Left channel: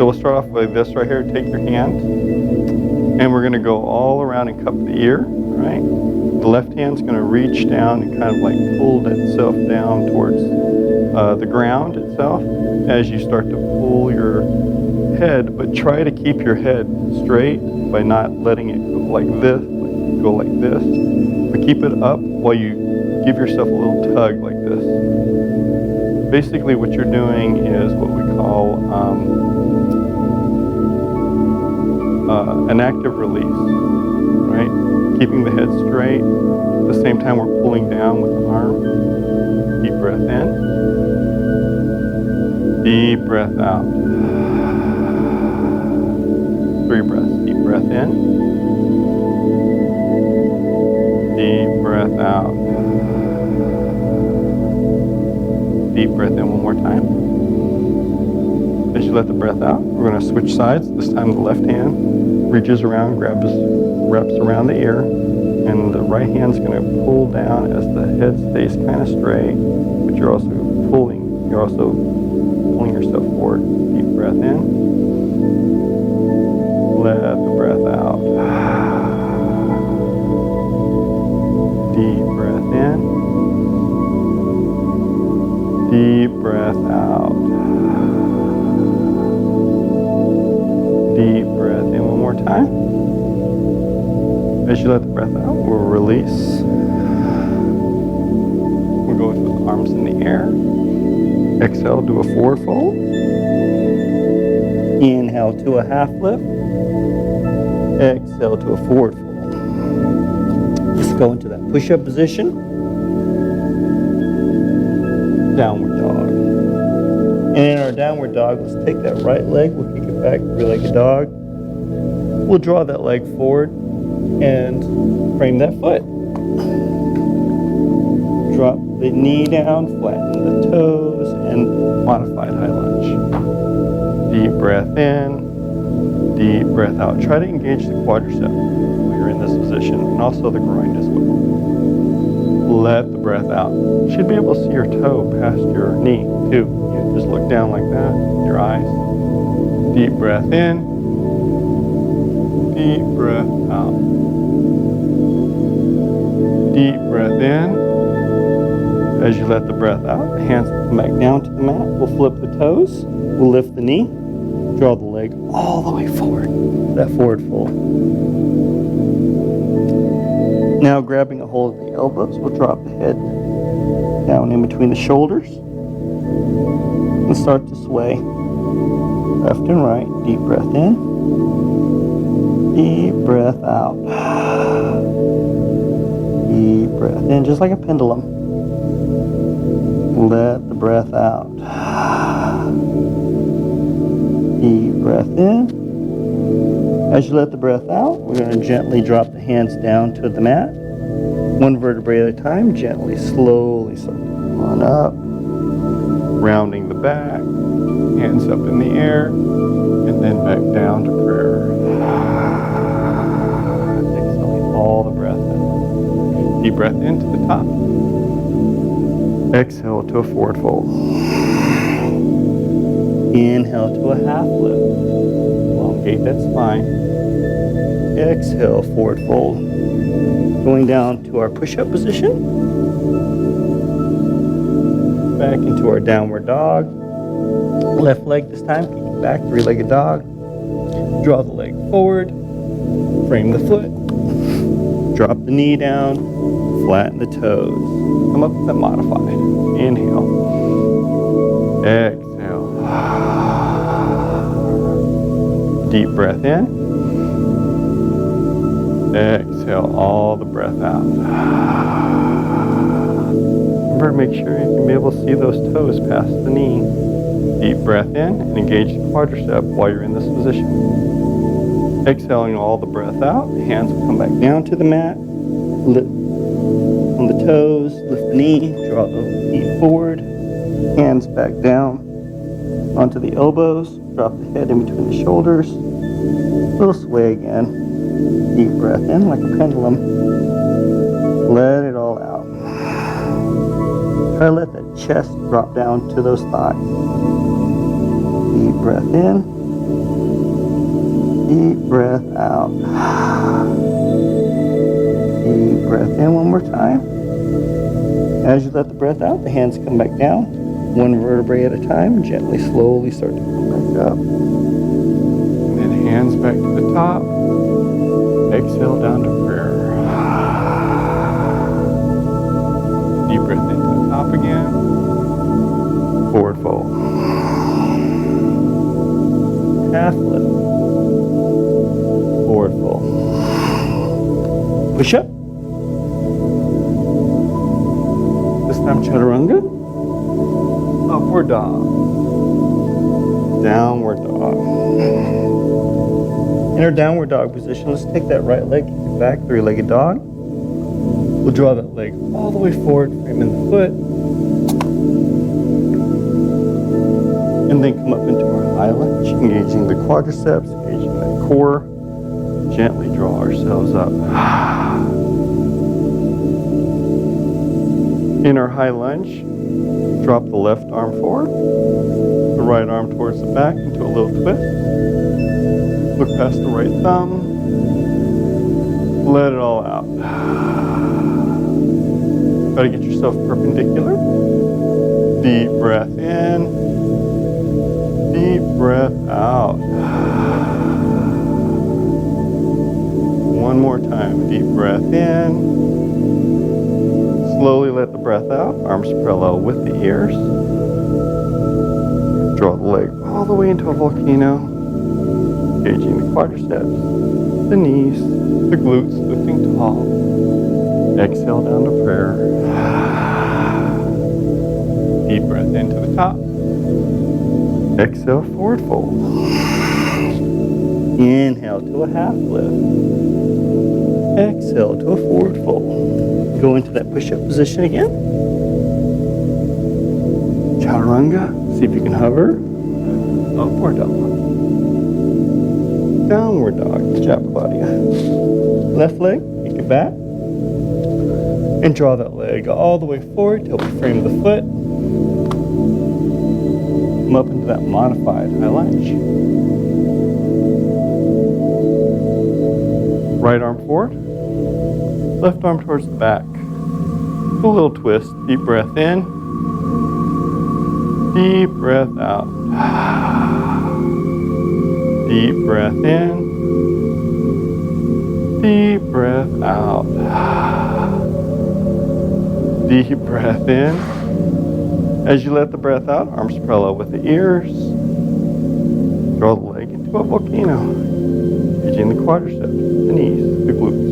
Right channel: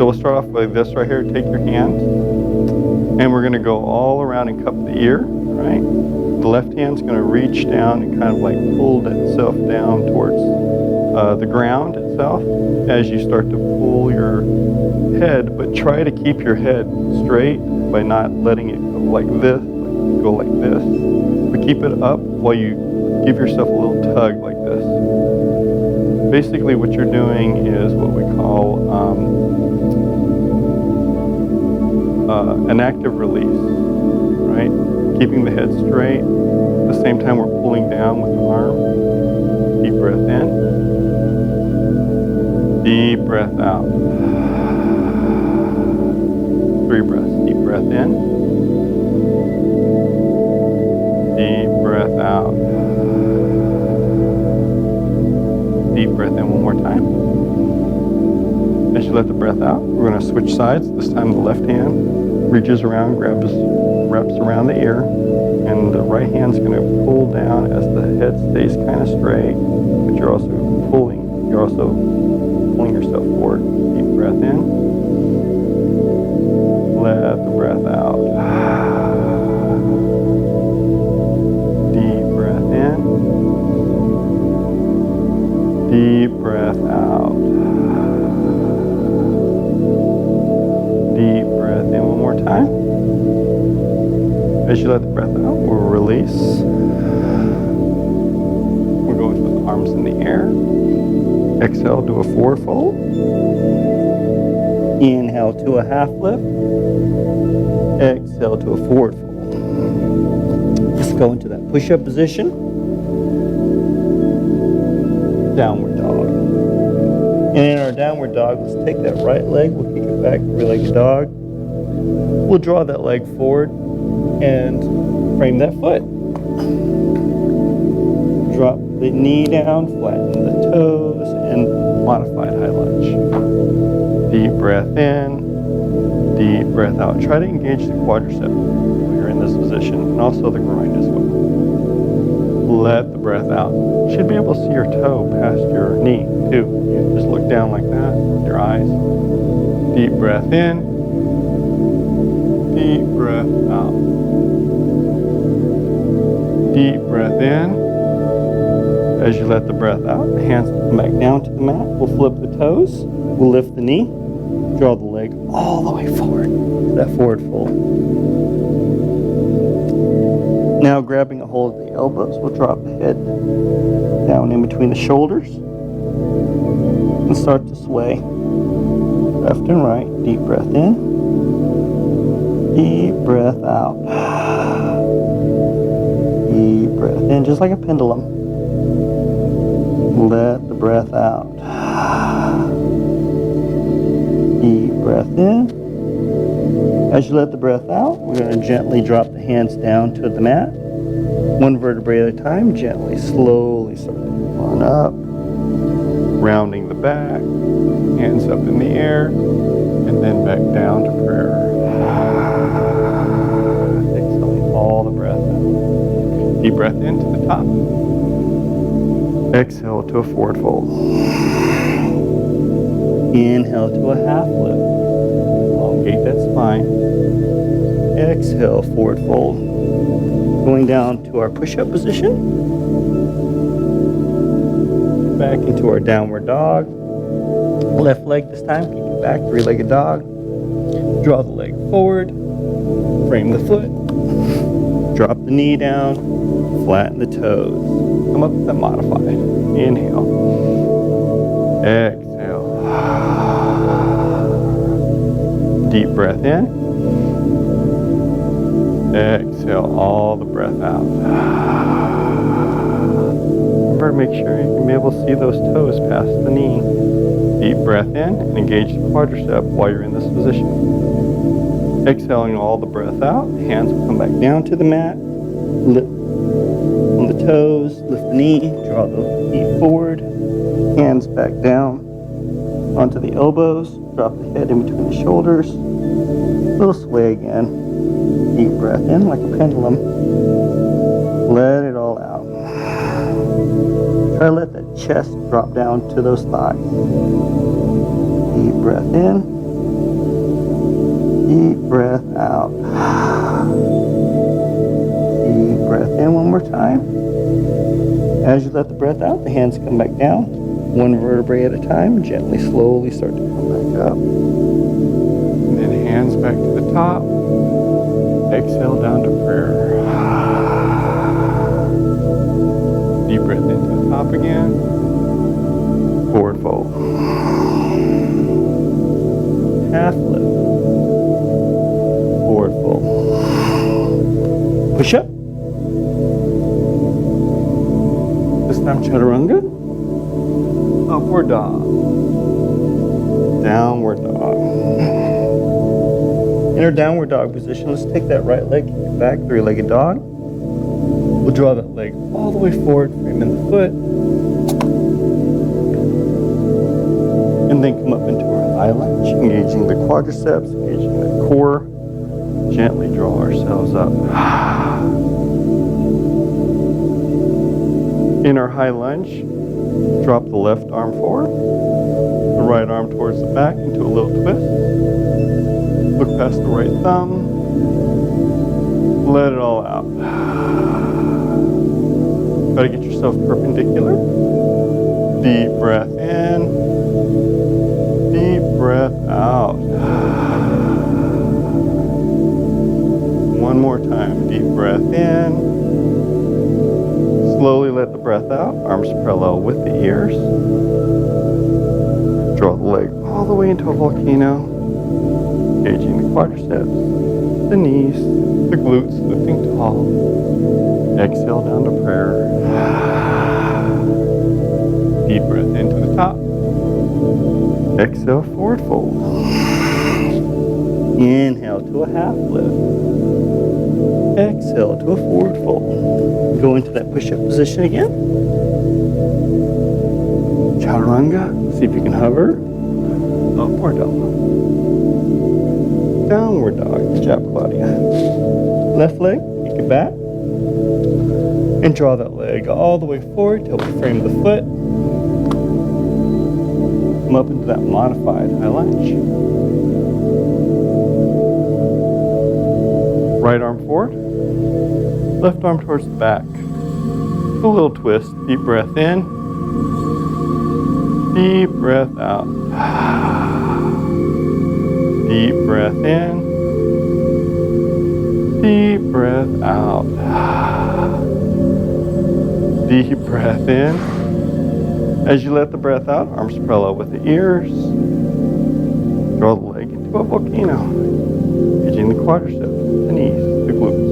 So we'll start off with this right here. Take your hand, and we're going to go all around and cup the ear, right? The left hand's going to reach down and kind of like pull itself down towards the ground itself as you start to pull your head, but try to keep your head straight by not letting it go like this, but keep it up while you give yourself a little tug like this. Basically what you're doing is what we call an active release, right? Keeping the head straight. At the same time we're pulling down with the arm. Deep breath in. Deep breath out. 3 breaths. Deep breath in. Deep breath out. Deep breath in one more time. As you let the breath out, we're going to switch sides. This time the left hand reaches around, wraps around the ear, and the right hand's going to pull down as the head stays kind of straight, but you're also pulling yourself forward. Deep breath in. Let the breath out. Deep breath in. Deep breath out. Deep breath in one more time. As you let the breath out, we'll release. We'll go with arms in the air. Exhale, do a forward fold. Inhale to a half lift. Exhale to a forward fold. Let's go into that push-up position. Downward dog. And in our downward dog, let's take that right leg, we'll kick it back, three-legged dog. We'll draw that leg forward and frame that foot. Drop the knee down, flatten the toes, and modified high lunge. Deep breath in, deep breath out. Try to engage the quadricep while you're in this position, and also the groin as well. Let the breath out. You should be able to see your toe past your knee, too. You just look down like that, your eyes. Deep breath in, deep breath out. Deep breath in. As you let the breath out, the hands come back down to the mat. We'll flip the toes. We'll lift the knee. Draw the leg all the way forward. That forward fold. Now grabbing a hold of the elbows, we'll drop the head down in between the shoulders and start to sway left and right. Deep breath in. Deep breath out. Deep breath in, just like a pendulum. Let the breath out. Deep breath in. As you let the breath out, we're going to gently drop the hands down to the mat. One vertebrae at a time, gently, slowly start to come on up. Rounding the back, hands up in the air, and then back down to prayer. Exhaling all the breath out. Deep breath into the top. Exhale to a forward fold. Inhale to a half lift. Elongate that spine. Exhale, forward fold. Going down to our push-up position. Back into our downward dog. Left leg this time, kick it back, three-legged dog. Draw the leg forward. Frame the foot. Drop the knee down. Flatten the toes. Come up with that modified. Inhale. Exhale. Deep breath in. Exhale all the breath out. Remember, make sure you can be able to see those toes past the knee. Deep breath in and engage the quadricep while you're in this position. Exhaling all the breath out. The hands will come back down to the mat. Lift on the toes, lift the knee, draw the feet forward. Hands back down onto the elbows. Drop the head in between the shoulders. Little sway again. Deep breath in like a pendulum. Let it all out. Try to let that chest drop down to those thighs. Deep breath in. Deep breath out. Deep breath in one more time. As you let the breath out, the hands come back down, one vertebrae at a time, gently, slowly start to come back up. And then hands back to the top. Exhale down to prayer. Deep breath into the top again. Forward fold. Half lift. Forward fold. Push up. This time chaturanga. Upward dog. Downward dog. In our downward dog position, let's take that right leg, kick it back, three-legged dog. We'll draw that leg all the way forward, framing the foot. And then come up into our high lunge, engaging the quadriceps, engaging that core. Gently draw ourselves up. In our high lunge, drop the left arm forward, the right arm towards the back into a little twist. Look past the right thumb. Let it all out. Try to get yourself perpendicular. Deep breath in. Deep breath out. One more time. Deep breath in. Slowly let the breath out. Arms parallel with the ears. Draw the leg all the way into a volcano. Engaging the quadriceps, the knees, the glutes, lifting tall. Exhale down to prayer. Deep breath into the top. Exhale, forward fold. Inhale to a half lift. Exhale to a forward fold. Go into that push-up position again. Chaturanga. See if you can hover. Upward dog. Downward dog. Good job, Claudia. Left leg, kick it back. And draw that leg all the way forward till we frame the foot. Come up into that modified high lunge. Right arm forward. Left arm towards the back. A little twist. Deep breath in. Deep breath out. Deep breath in. Deep breath out. Deep breath in. As you let the breath out, arms parallel with the ears. Draw the leg into a volcano. Engaging the quadriceps, the knees, the glutes.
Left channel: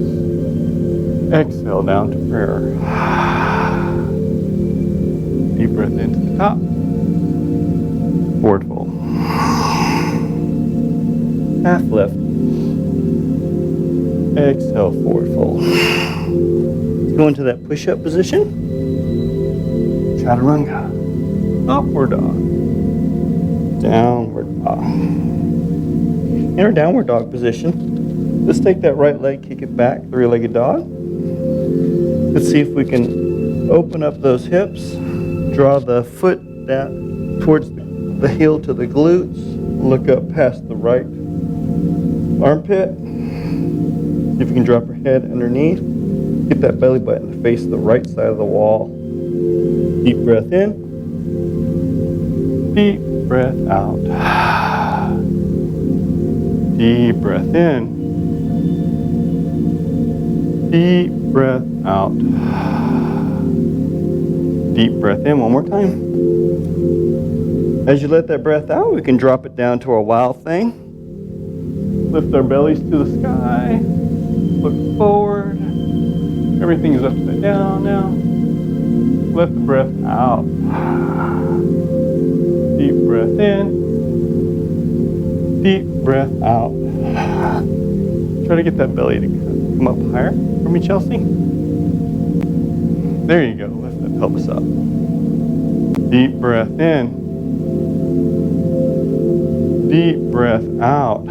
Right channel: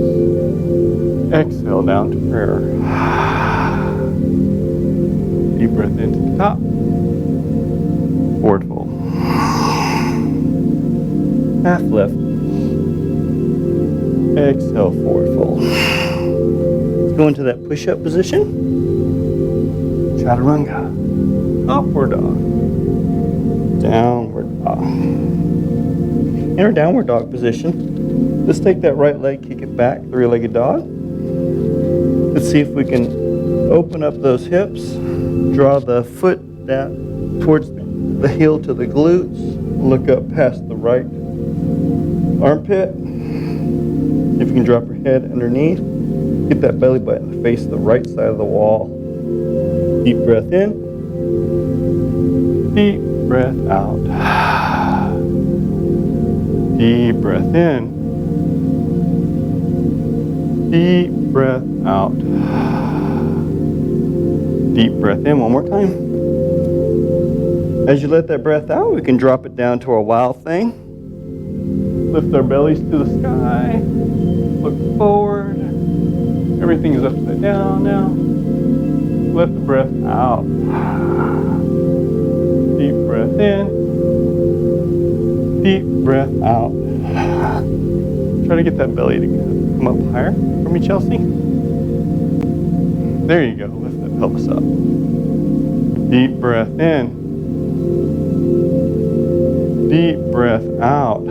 Exhale down to prayer. Deep breath into the top. Forward fold. Half lift. Exhale, forward fold. Let's go into that push-up position. Chaturanga. Upward dog. Downward dog. In our downward dog position, let's take that right leg, kick it back, three-legged dog. Let's see if we can open up those hips. Draw the foot down towards the heel to the glutes. Look up past the right armpit. See if you can drop your head underneath. Get that belly button to face the right side of the wall. Deep breath in. Deep breath out. Deep breath in. Deep breath out. Deep breath in one more time. As you let that breath out, we can drop it down to our wild thing. Lift our bellies to the sky. Look forward. Everything is upside down now. Let the breath out. Deep breath in. Deep breath out. Try to get that belly to come up higher for me, Chelsea. There you go. Lift that pelvis up. Deep breath in. Deep breath out.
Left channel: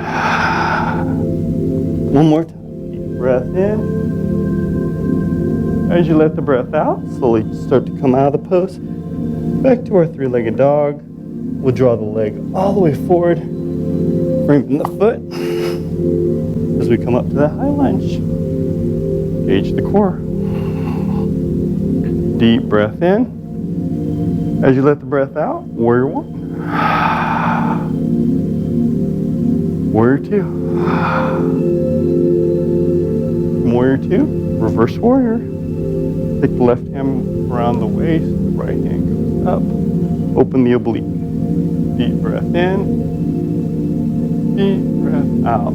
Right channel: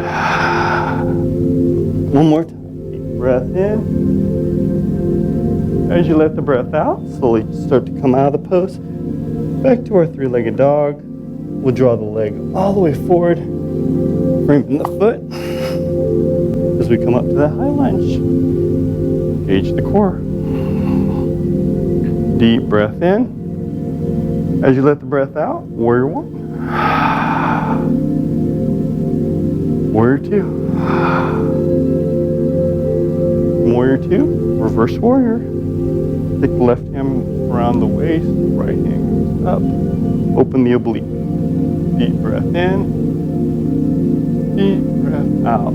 One more time. Deep breath in. As you let the breath out, slowly start to come out of the pose. Back to our three-legged dog. We'll draw the leg all the way forward. Frame the foot. As we come up to that high lunge, engage the core. Deep breath in. As you let the breath out, warrior one. Warrior two. Warrior two, reverse warrior. Take the left hand around the waist, right hand goes up. Open the oblique. Deep breath in. Deep breath out.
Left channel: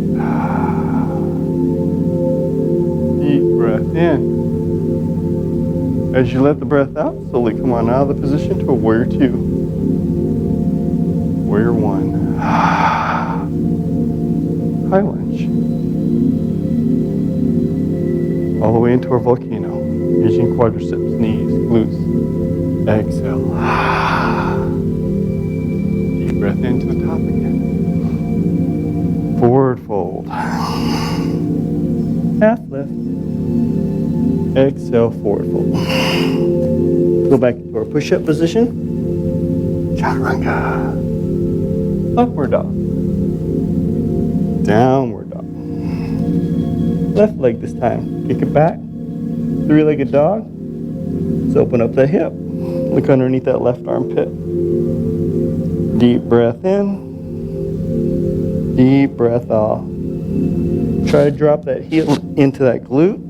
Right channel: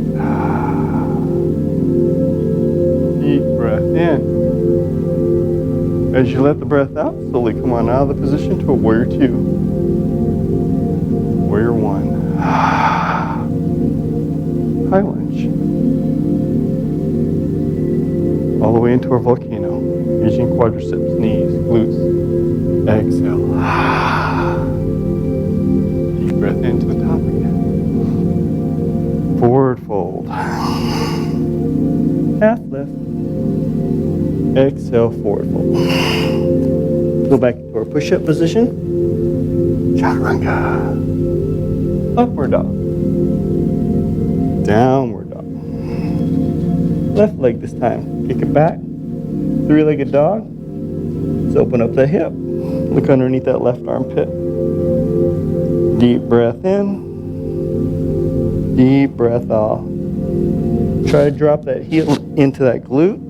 Deep breath in. As you let the breath out, slowly come on out of the position to a warrior two. Warrior one. High lunge. All the way into our volcano. Engaging quadriceps, knees, glutes. Exhale. Deep breath into the top again. Forward fold. Half lift. Exhale, forward fold. Go back into our push-up position. Chaturanga. Upward dog. Downward dog. Left leg this time. Kick it back. Three-legged dog. Let's open up the hip. Look underneath that left armpit. Deep breath in. Deep breath off. Try to drop that heel into that glute.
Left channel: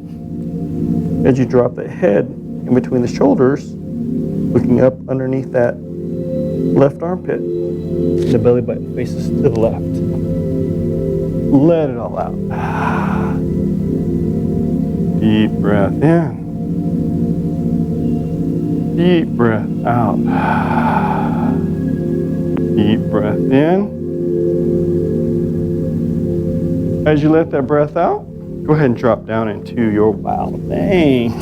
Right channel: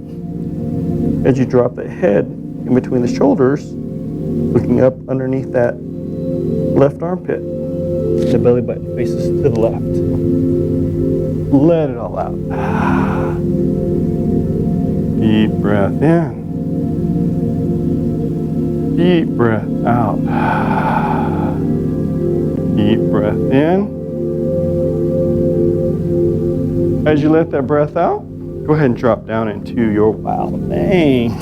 As you drop that head in between the shoulders, looking up underneath that left armpit. The belly button faces to the left. Let it all out. Deep breath in. Deep breath out. Deep breath in. As you let that breath out, go ahead and drop down into your wow thing.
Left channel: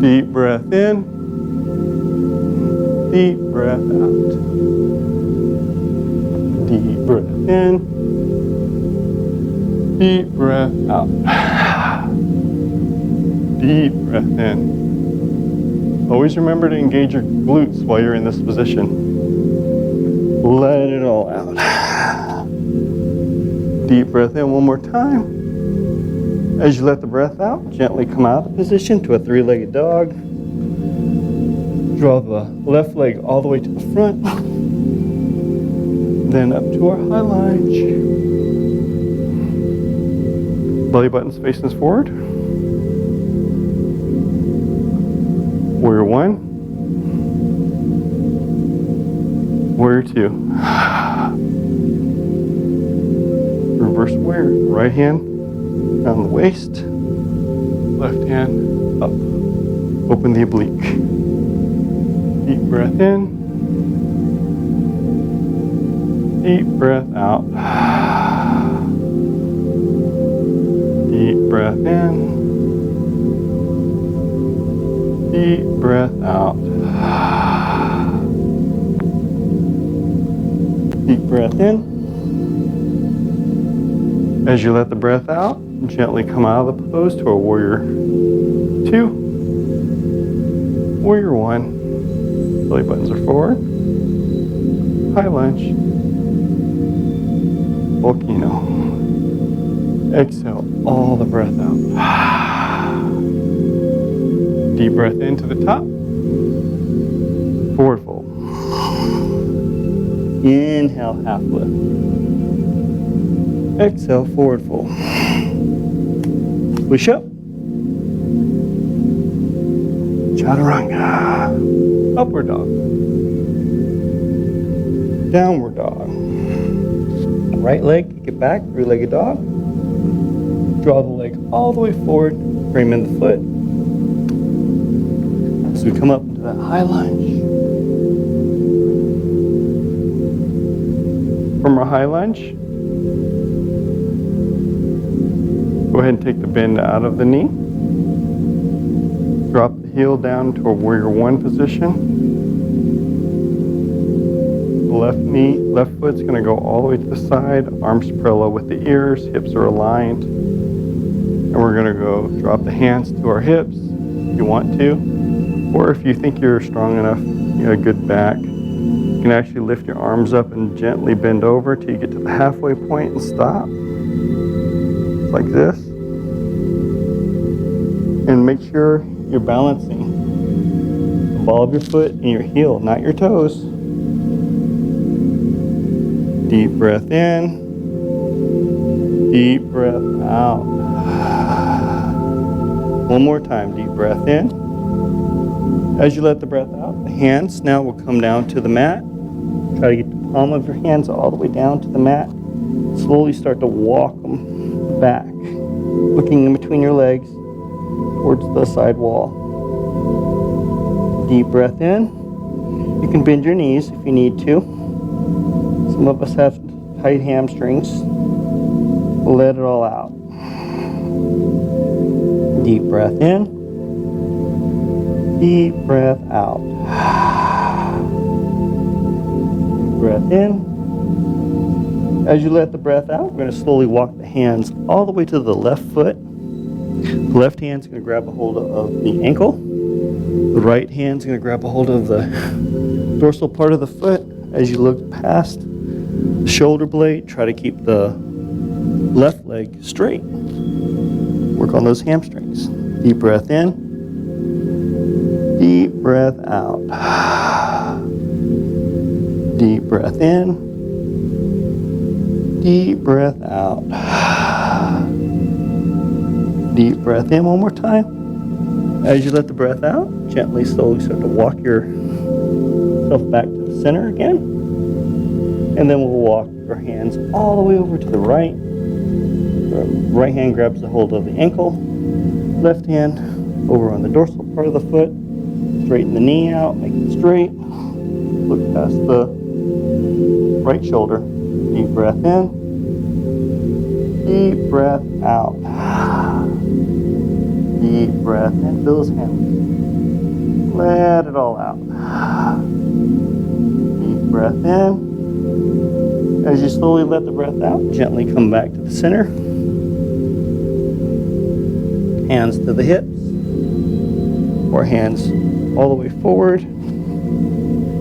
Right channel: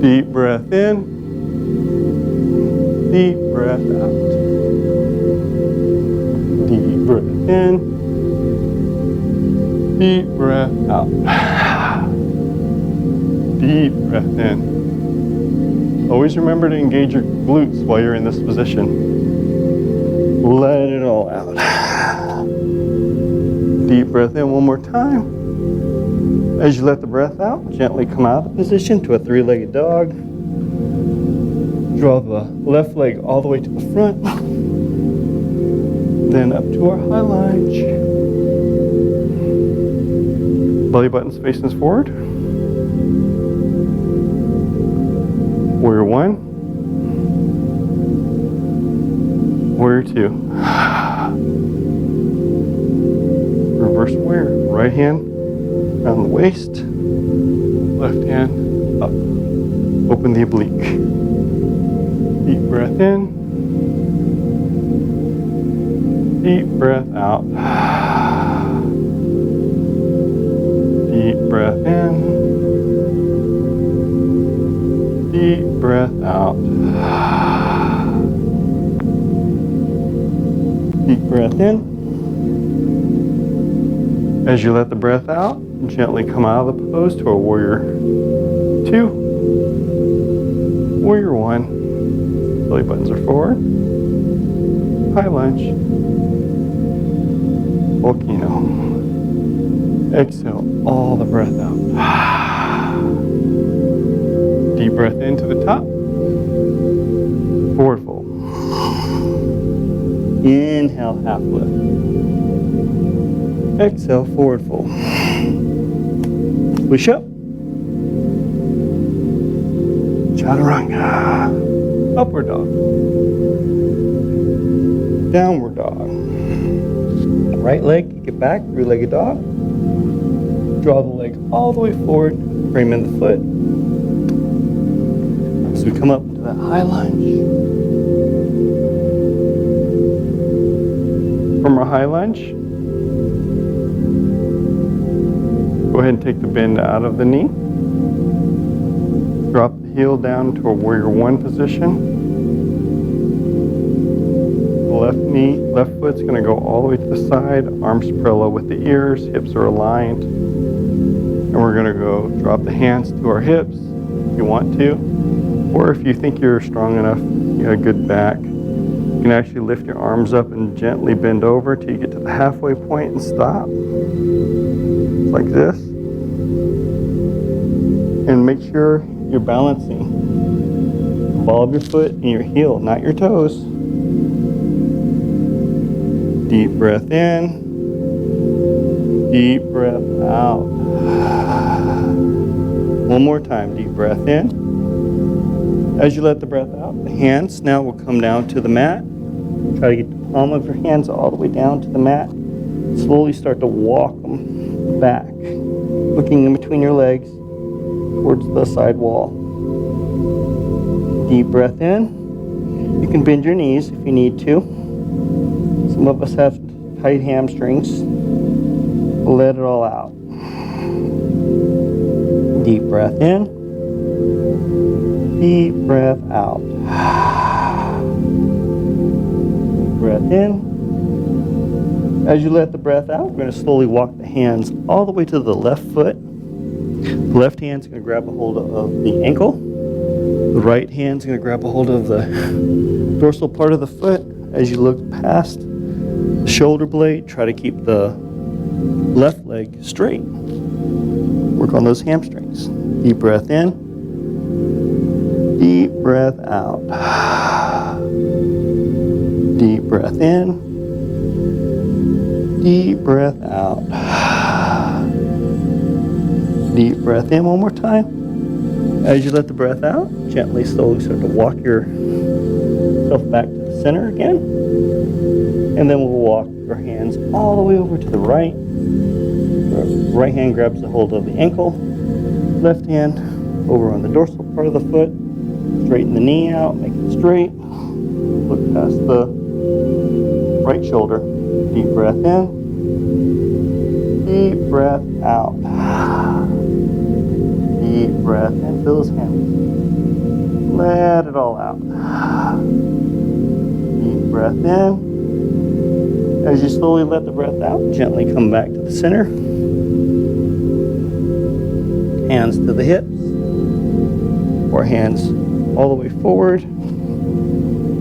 Deep breath in. Deep breath out. Deep breath in. Deep breath out. Deep breath in. Always remember to engage your glutes while you're in this position. Let it all out. Deep breath in one more time. As you let the breath out, gently come out of the position to a three-legged dog. Draw the left leg all the way to the front. Then up to our high lunge. Belly buttons facing forward. Warrior one. Warrior two. Reverse warrior. Right hand around the waist. Left hand up. Open the oblique. Deep breath in. Deep breath out. Deep breath in. Deep breath out. Deep breath in. As you let the breath out, gently come out of the pose to a warrior two. Warrior one. Belly buttons are forward. High lunge. Volcano. Exhale all the breath out. Deep breath into the top. Forward fold. Inhale, half lift. Exhale, forward fold. Push up. Chaturanga. Upward dog. Downward dog. Right leg, kick it back, three-legged dog. Draw the leg all the way forward, frame in the foot. As we come up into that high lunge. From our high lunge, go ahead and take the bend out of the knee. Drop the heel down to a warrior one position. The left foot's going to go all the way to the side, arms parallel with the ears, hips are aligned. And we're going to go drop the hands to our hips if you want to. Or if you think you're strong enough, you got a good back, You can actually lift your arms up and gently bend over till you get to the halfway point and stop. Like this. And make sure you're balancing the ball of your foot and your heel, not your toes. Deep breath in. Deep breath out. One more time, deep breath in. As you let the breath out, the hands now will come down to the mat. Try to get the palm of your hands all the way down to the mat. Slowly start to walk them back, looking in between your legs towards the side wall. Deep breath in. You can bend your knees if you need to. Some of us have tight hamstrings. Let it all out. Deep breath in. Deep breath out. Deep breath in. As you let the breath out, we're going to slowly walk the hands all the way to the left foot. The left hand's going to grab a hold of the ankle. The right hand's going to grab a hold of the dorsal part of the foot. As you look past the shoulder blade, try to keep the left leg straight. Work on those hamstrings. Deep breath in. Deep breath out. Deep breath in. Deep breath out. Deep breath in one more time. As you let the breath out, gently, slowly start to walk yourself back to the center again. And then we'll walk your hands all the way over to the right. The right hand grabs a hold of the ankle. Left hand over on the dorsal part of the foot. Straighten the knee out, make it straight. Look past the right shoulder. Deep breath in. Deep breath out. Deep breath in. Feel those hands. Let it all out. Deep breath in. As you slowly let the breath out, gently come back to the center. Hands to the hips. Or hands all the way forward.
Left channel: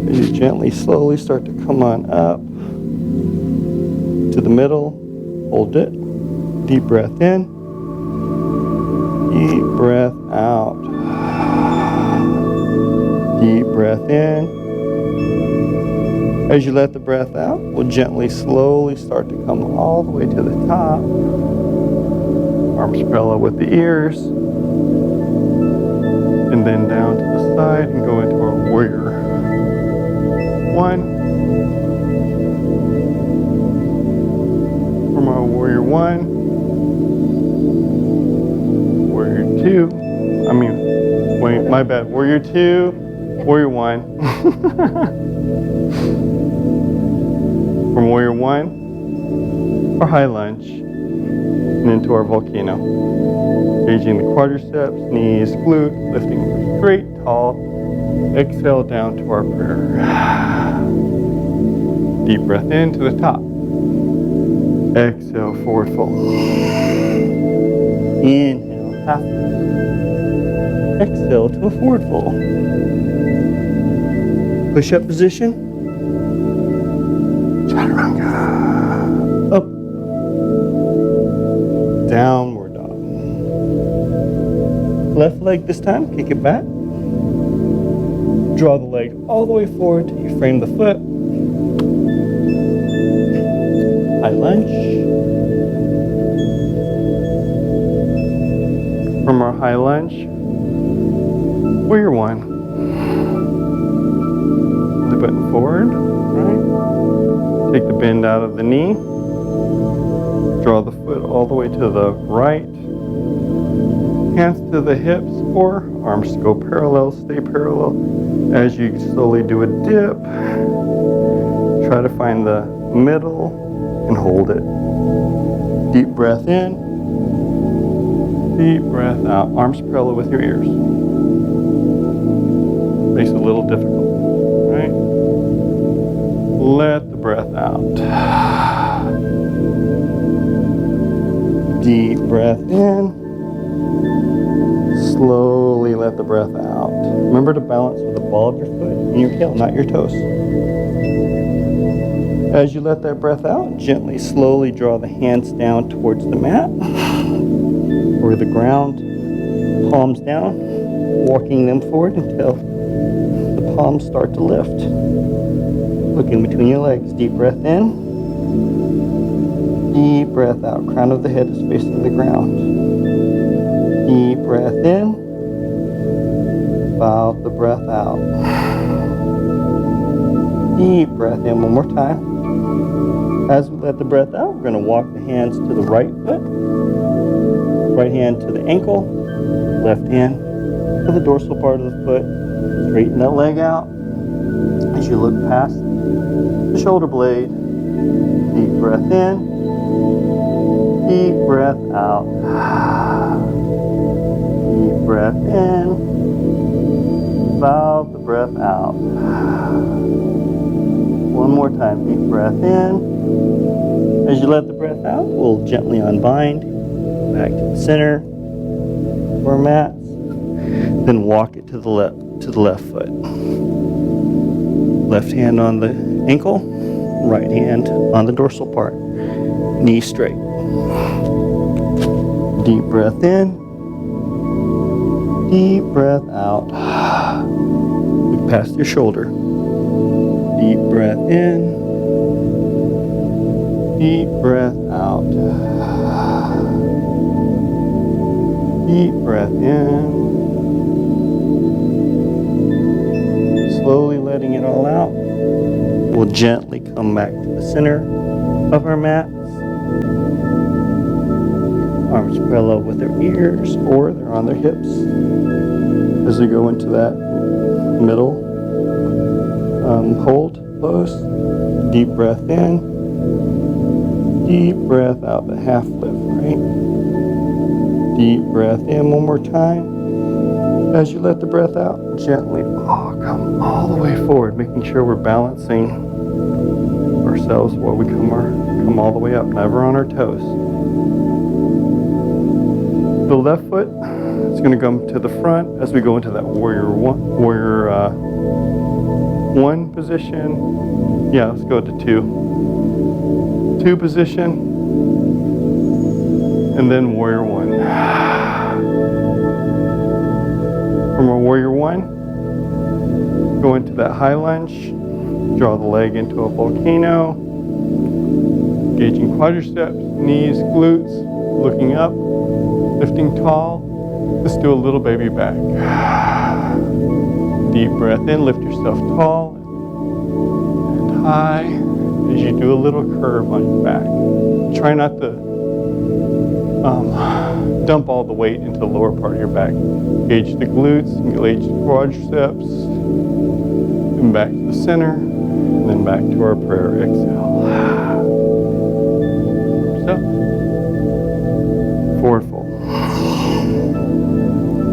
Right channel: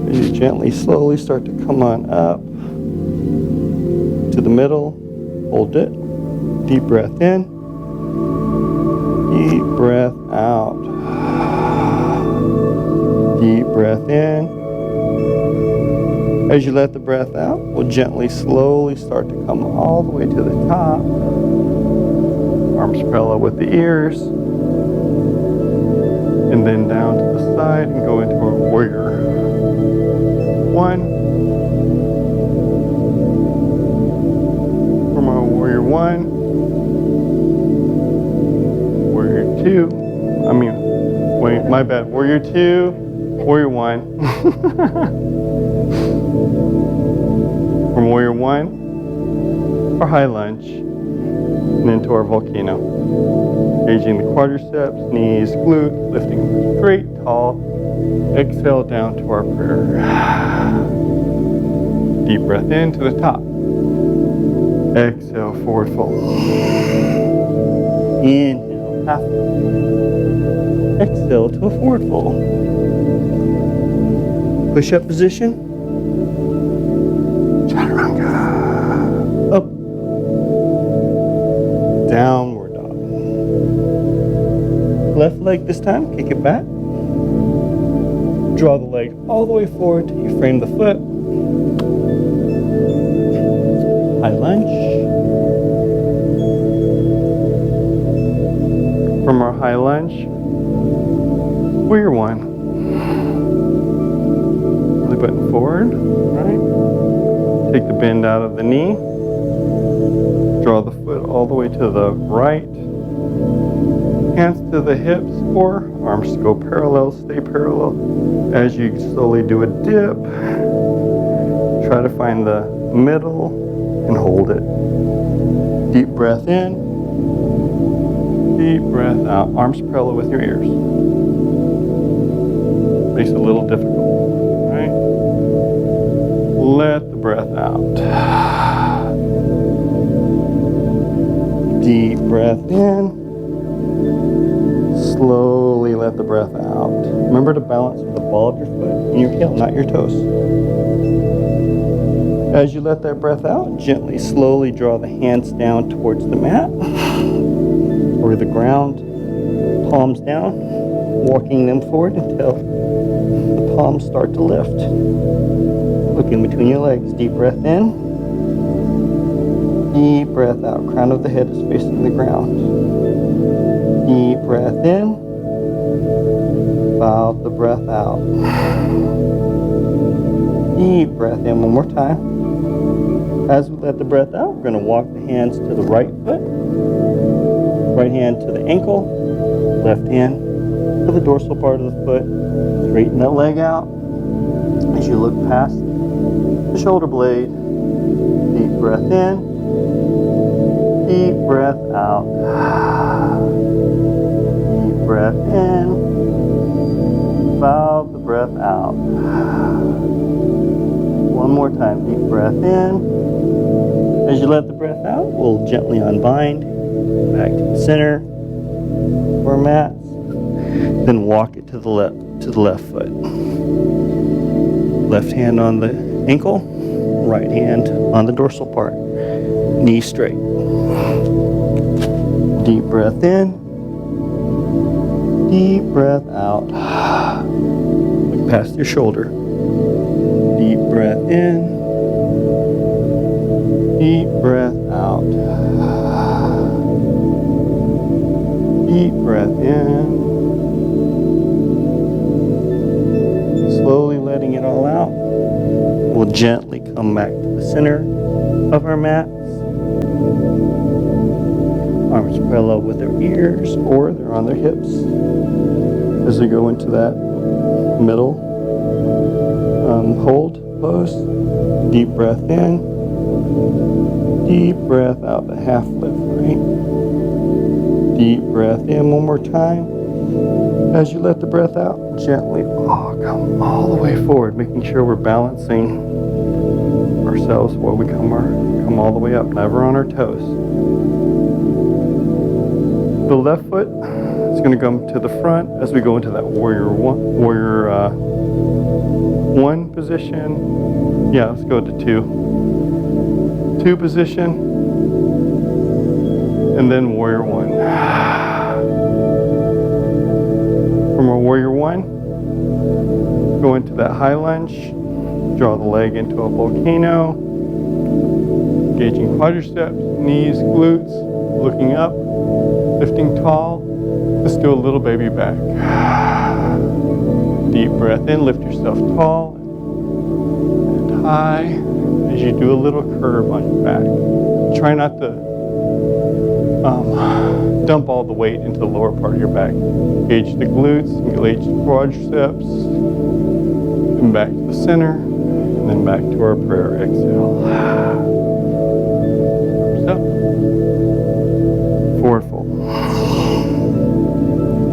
As you gently, slowly start to come on up to the middle. Hold it. Deep breath in. Deep breath out. Deep breath in. As you let the breath out, we'll gently, slowly start to come all the way to the top. Arms parallel with the ears. And then down to the side and go into our warrior one. From our warrior one. Warrior two. Wait, my bad. Warrior two. Warrior one. From warrior one, our high lunge, and into our volcano. Engaging the quadriceps, knees, glute, lifting straight, tall. Exhale down to our prayer. Deep breath in to the top. Exhale, forward fold. Inhale, half fold. Exhale to a forward fold. Push-up position. Chaturanga. Up. Downward dog. Left leg this time, kick it back. Draw the leg all the way forward till you frame the foot. High lunge. From our high lunge, warrior one. Belly button forward, right? Take the bend out of the knee. Draw the foot all the way to the right. Hands to the hips or arms go parallel, stay parallel. As you slowly do a dip, try to find the middle and hold it. Deep breath in, deep breath out. Arms parallel with your ears. Makes it a little difficult, right? Let the breath out. Deep breath in. Slowly let the breath out. Remember to balance with the ball of your foot and your heel, not your toes. As you let that breath out, gently, slowly draw the hands down towards the mat or the ground, palms down, walking them forward until the palms start to lift. Look in between your legs. Deep breath in. Deep breath out. Crown of the head is facing the ground. Deep breath in. Bow the breath out. Deep breath in one more time. As we let the breath out, we're going to walk the hands to the right foot. Right hand to the ankle. Left hand to the dorsal part of the foot. Straighten that leg out. As you look past the shoulder blade, deep breath in, deep breath out, deep breath in, bow the breath out. One more time, deep breath in. As you let the breath out, we'll gently unbind, back to the center of our mats, then walk it to the left foot. Left hand on the ankle, right hand on the dorsal part. Knee straight. Deep breath in. Deep breath out. Look past your shoulder. Deep breath in. Deep breath out. Deep breath in. Slowly letting it all out. We'll gently come back to the center of our mats. Arms parallel with their ears or they're on their hips. As we go into that middle hold pose, deep breath in, deep breath out, the half lift, right? Deep breath in one more time. As you let the breath out, gently come all the way forward, making sure we're balancing ourselves while we come all the way up, never on our toes. The left foot is going to come to the front as we go into that warrior one position. Yeah, let's go to two position, and then warrior one. From our warrior one, go into that high lunge, draw the leg into a volcano, engaging quadriceps, knees, glutes, looking up, lifting tall. Let's do a little baby back. Deep breath in, lift yourself tall and high as you do a little curve on your back. Try not to dump all the weight into the lower part of your back. Engage the glutes, engage the quadriceps, and back to the center, and then back to our prayer. Exhale. Arms up. Forward fold.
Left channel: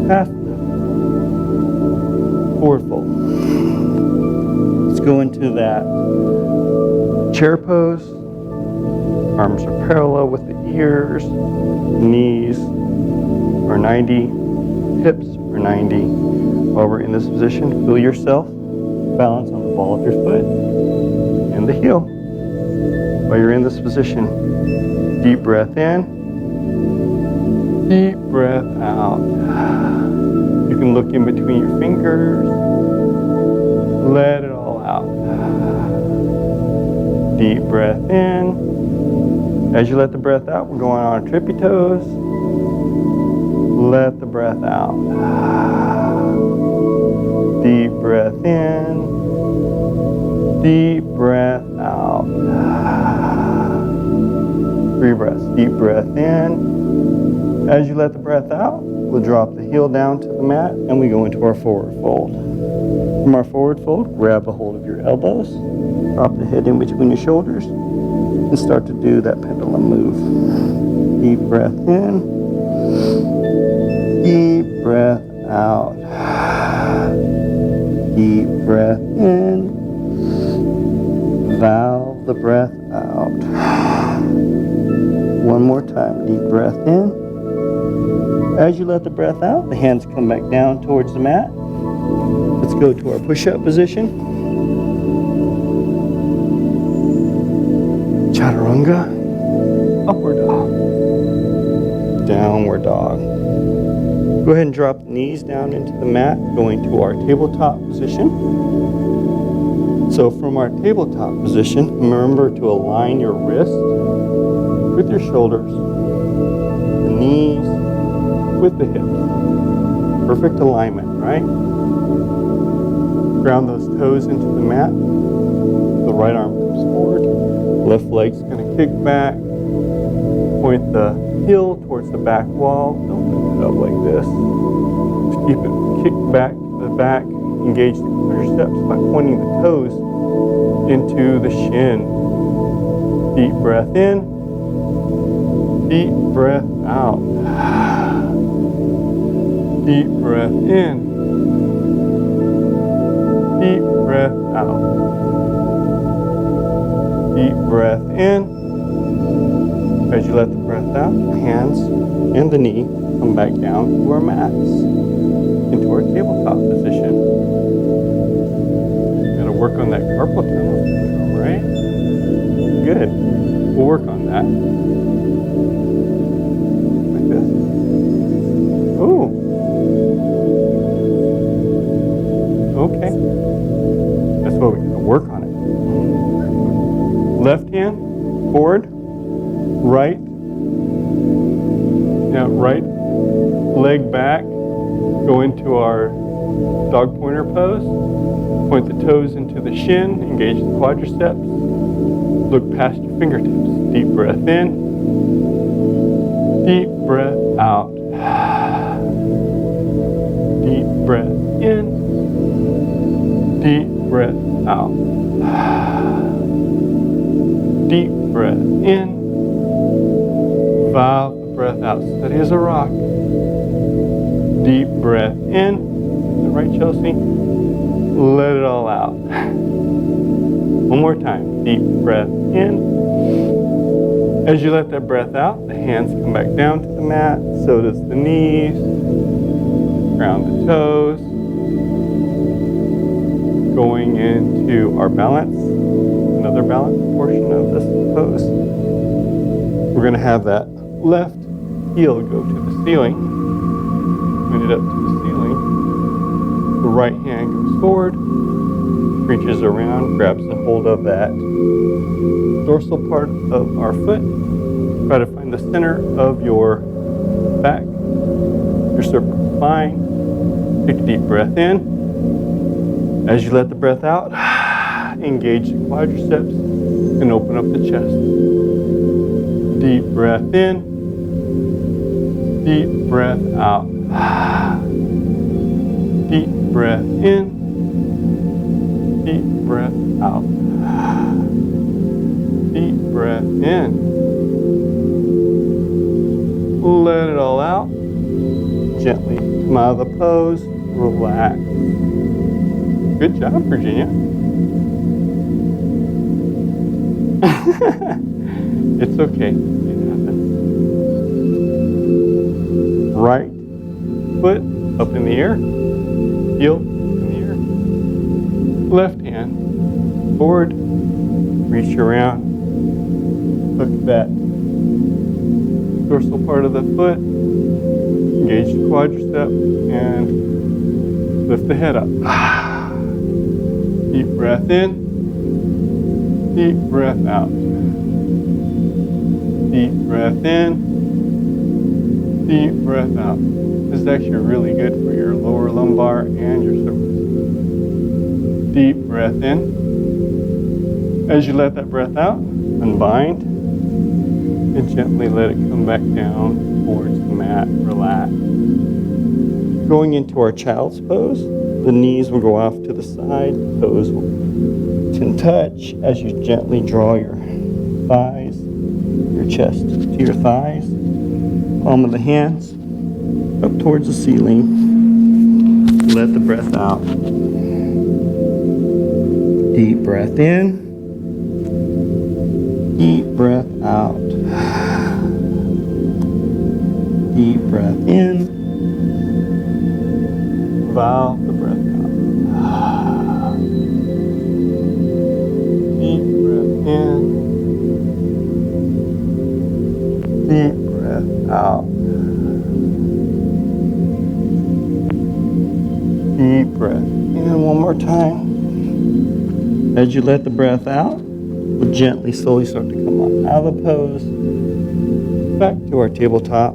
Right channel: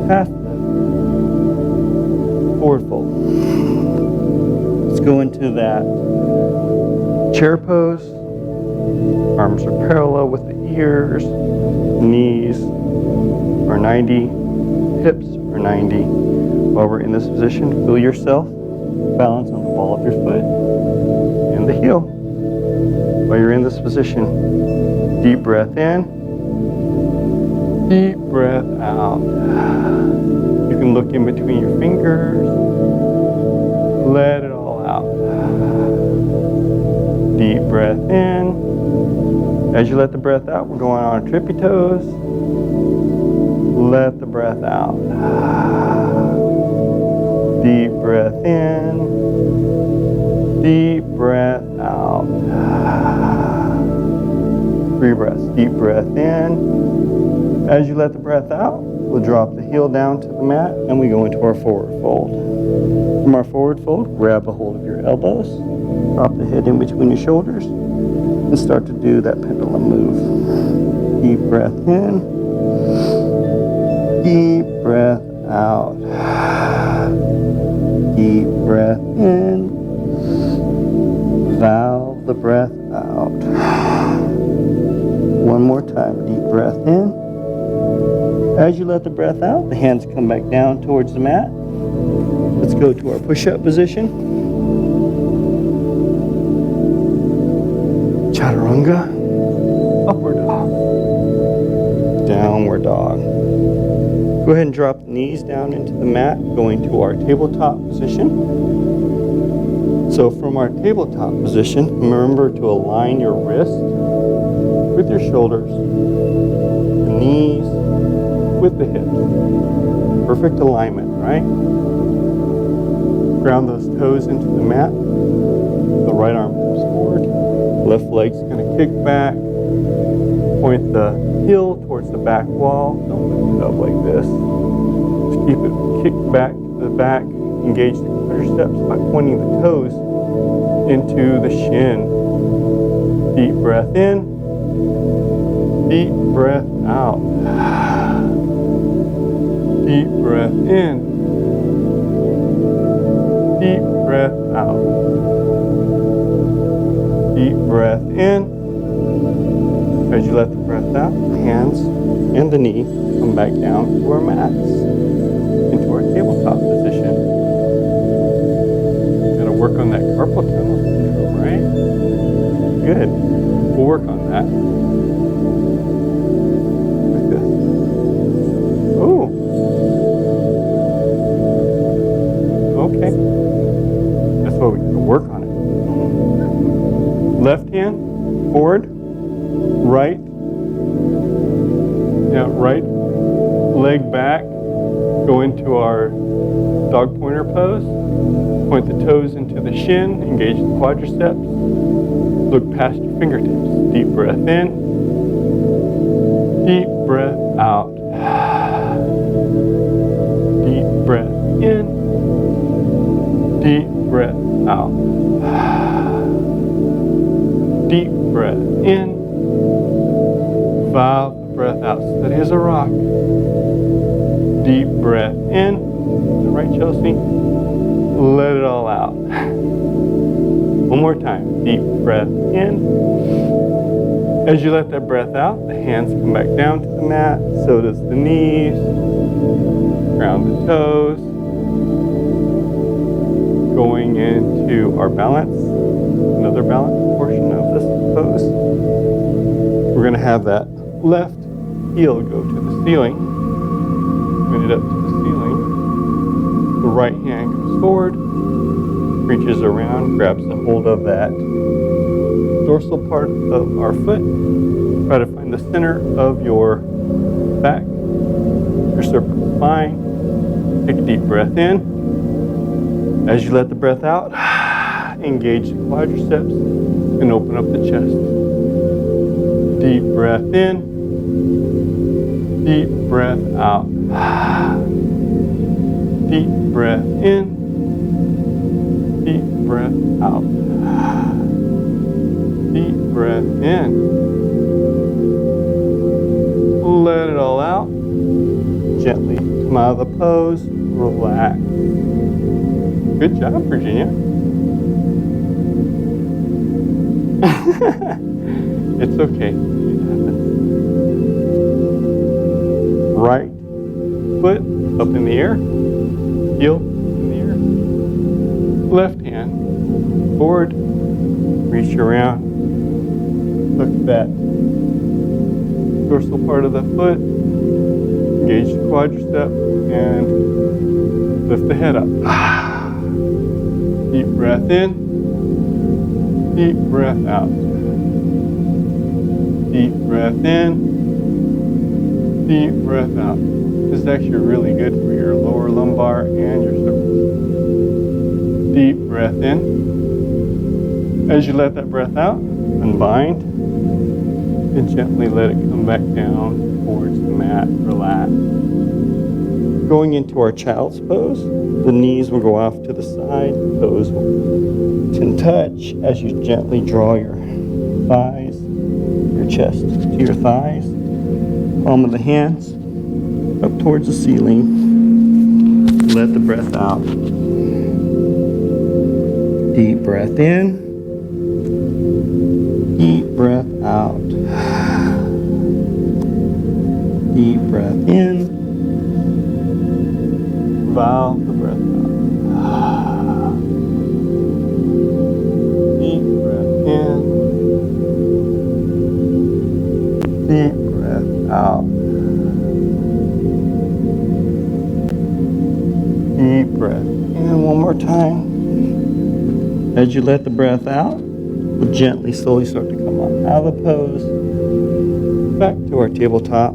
Half lift. Forward fold. Let's go into that chair pose. Arms are parallel with the ears. Knees are 90. Hips are 90. While we're in this position, feel yourself balance on the ball of your foot and the heel. While you're in this position, deep breath in, deep breath out. You can look in between your fingers, let it all out. Deep breath in. As you let the breath out, we're going on our tippy toes. Let the breath out. Deep breath in. Deep breath out. 3 breaths. Deep breath in. As you let the breath out, we'll drop the heel down to the mat and we go into our forward fold. From our forward fold, grab a hold of your elbows, drop the head in between your shoulders, and start to do that pendulum move. Deep breath in. Deep breath out. Deep breath in. Valve the breath out. One more time. Deep breath in. As you let the breath out, the hands come back down towards the mat. Let's go to our push-up position. Chaturanga, upward dog, downward dog. Go ahead and drop the knees down into the mat, going to our tabletop position. So from our tabletop position, remember to align your wrist with your shoulders, the knees with the hips. Perfect alignment, right? Ground those toes into the mat. The right arm comes forward. Left leg's going to kick back. Point the heel towards the back wall. Don't lift it up like this. Just keep it kicked back to the back. Engage the quadriceps by pointing the toes into the shin. Deep breath in. Deep breath out. Deep breath in. Deep breath out. Deep breath in. As you let the breath out, the hands and the knee come back down to our mats, into our tabletop position. Got to work on that carpal tunnel syndrome, right? Good. We'll work on that. Like this. Oh. Okay. That's what we got to work on it. Left hand forward, right. Now right leg back. Go into our dog pointer pose. Point the toes into the shin. Engage the quadriceps. Look past your fingertips. Deep breath in. Deep breath out. Deep breath in. Deep breath out. Deep breath in. Valve the breath out. Steady as a rock. Deep breath in. Is that right, Chelsea? Let it all out. One more time. Deep breath in. As you let that breath out, the hands come back down to the mat. So does the knees. Ground the toes. Going into our balance. Another balance portion of this pose. We're going to have that left heel go to the ceiling. Point it up to the ceiling. The right hand goes forward, reaches around, grabs a hold of that dorsal part of our foot. Try to find the center of your back, your cervical spine. Take a deep breath in. As you let the breath out, engage the quadriceps and open up the chest. Deep breath in. Deep breath out. Deep breath in. Deep breath out. Deep breath in. Let it all out. Gently come out of the pose. Relax. Good job, Virginia. It's okay. It happens. Right foot up in the air. Heel up in the air. Left hand forward. Reach around. Hook that dorsal part of the foot. Engage the quadricep and lift the head up. Deep breath in. Deep breath out. Deep breath in. Deep breath out. This is actually really good for your lower lumbar and your cervix. Deep breath in. As you let that breath out, unbind and gently let it come back down towards the mat. Relax. Going into our child's pose, the knees will go off to the side, toes can touch as you gently draw your thighs, your chest to your thighs, palm of the hands up towards the ceiling. Let the breath out. Deep breath in. Deep breath out. Deep breath in. Valve the breath out. Deep breath in. Deep breath out. Deep breath in one more time. As you let the breath out, we'll gently, slowly start to come up out of the pose, back to our tabletop.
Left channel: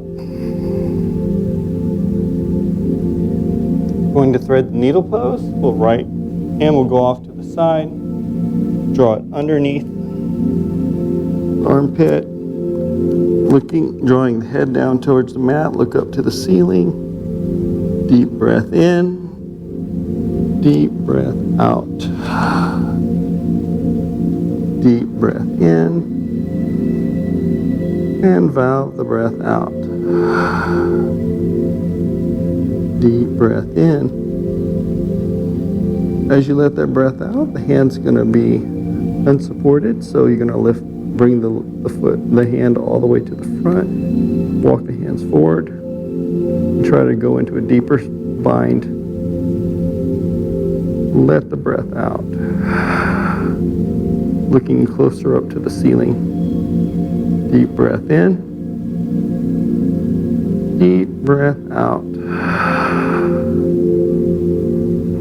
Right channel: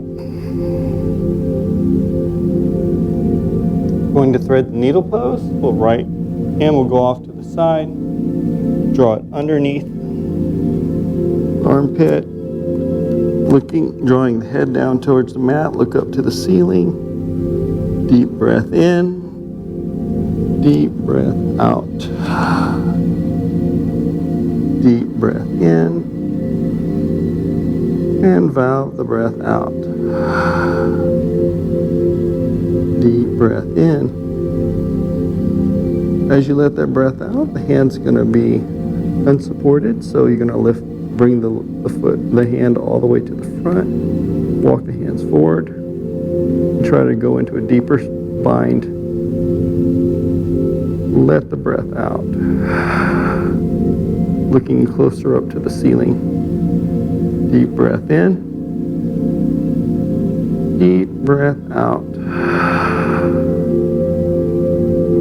Going to thread the needle pose. We'll right hand will go off to the side, draw it underneath the armpit, drawing the head down towards the mat, look up to the ceiling. Deep breath in, deep breath out. Deep breath in, and valve the breath out. Deep breath in. As you let that breath out, the hand's going to be unsupported, so you're going to bring the hand all the way to the front, walk the hands forward, and try to go into a deeper bind. Let the breath out, looking closer up to the ceiling. Deep breath in, deep breath out.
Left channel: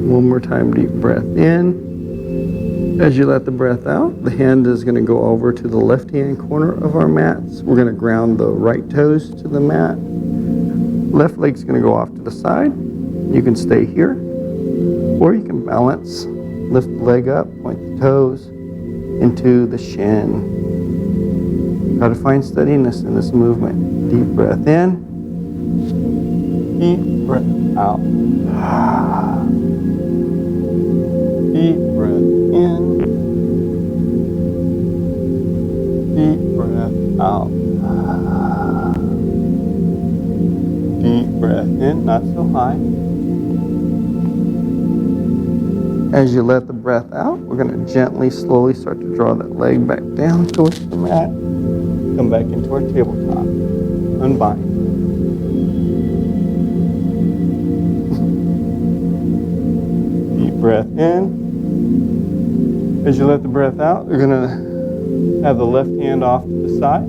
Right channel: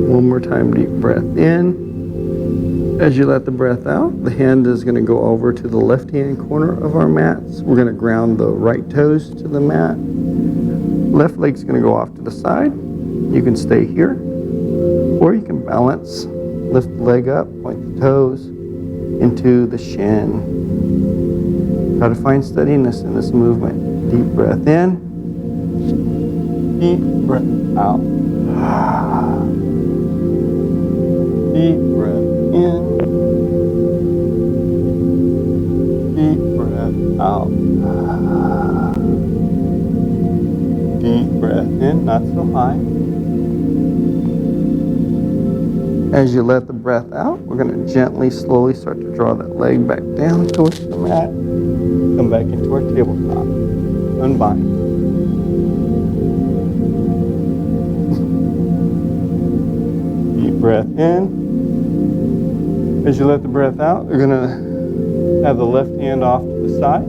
One more time, deep breath in. As you let the breath out, the hand is going to go over to the left-hand corner of our mats. We're going to ground the right toes to the mat. Left leg's going to go off to the side. You can stay here, or you can balance. Lift the leg up, point the toes into the shin. How to find steadiness in this movement. Deep breath in, deep breath out. Deep breath in, deep breath out. Deep breath in, not so high. As you let the breath out, we're going to gently, slowly start to draw that leg back down towards the mat. Come back into our tabletop. Unbind. Deep breath in. As you let the breath out, you're going to have the left hand off to the side.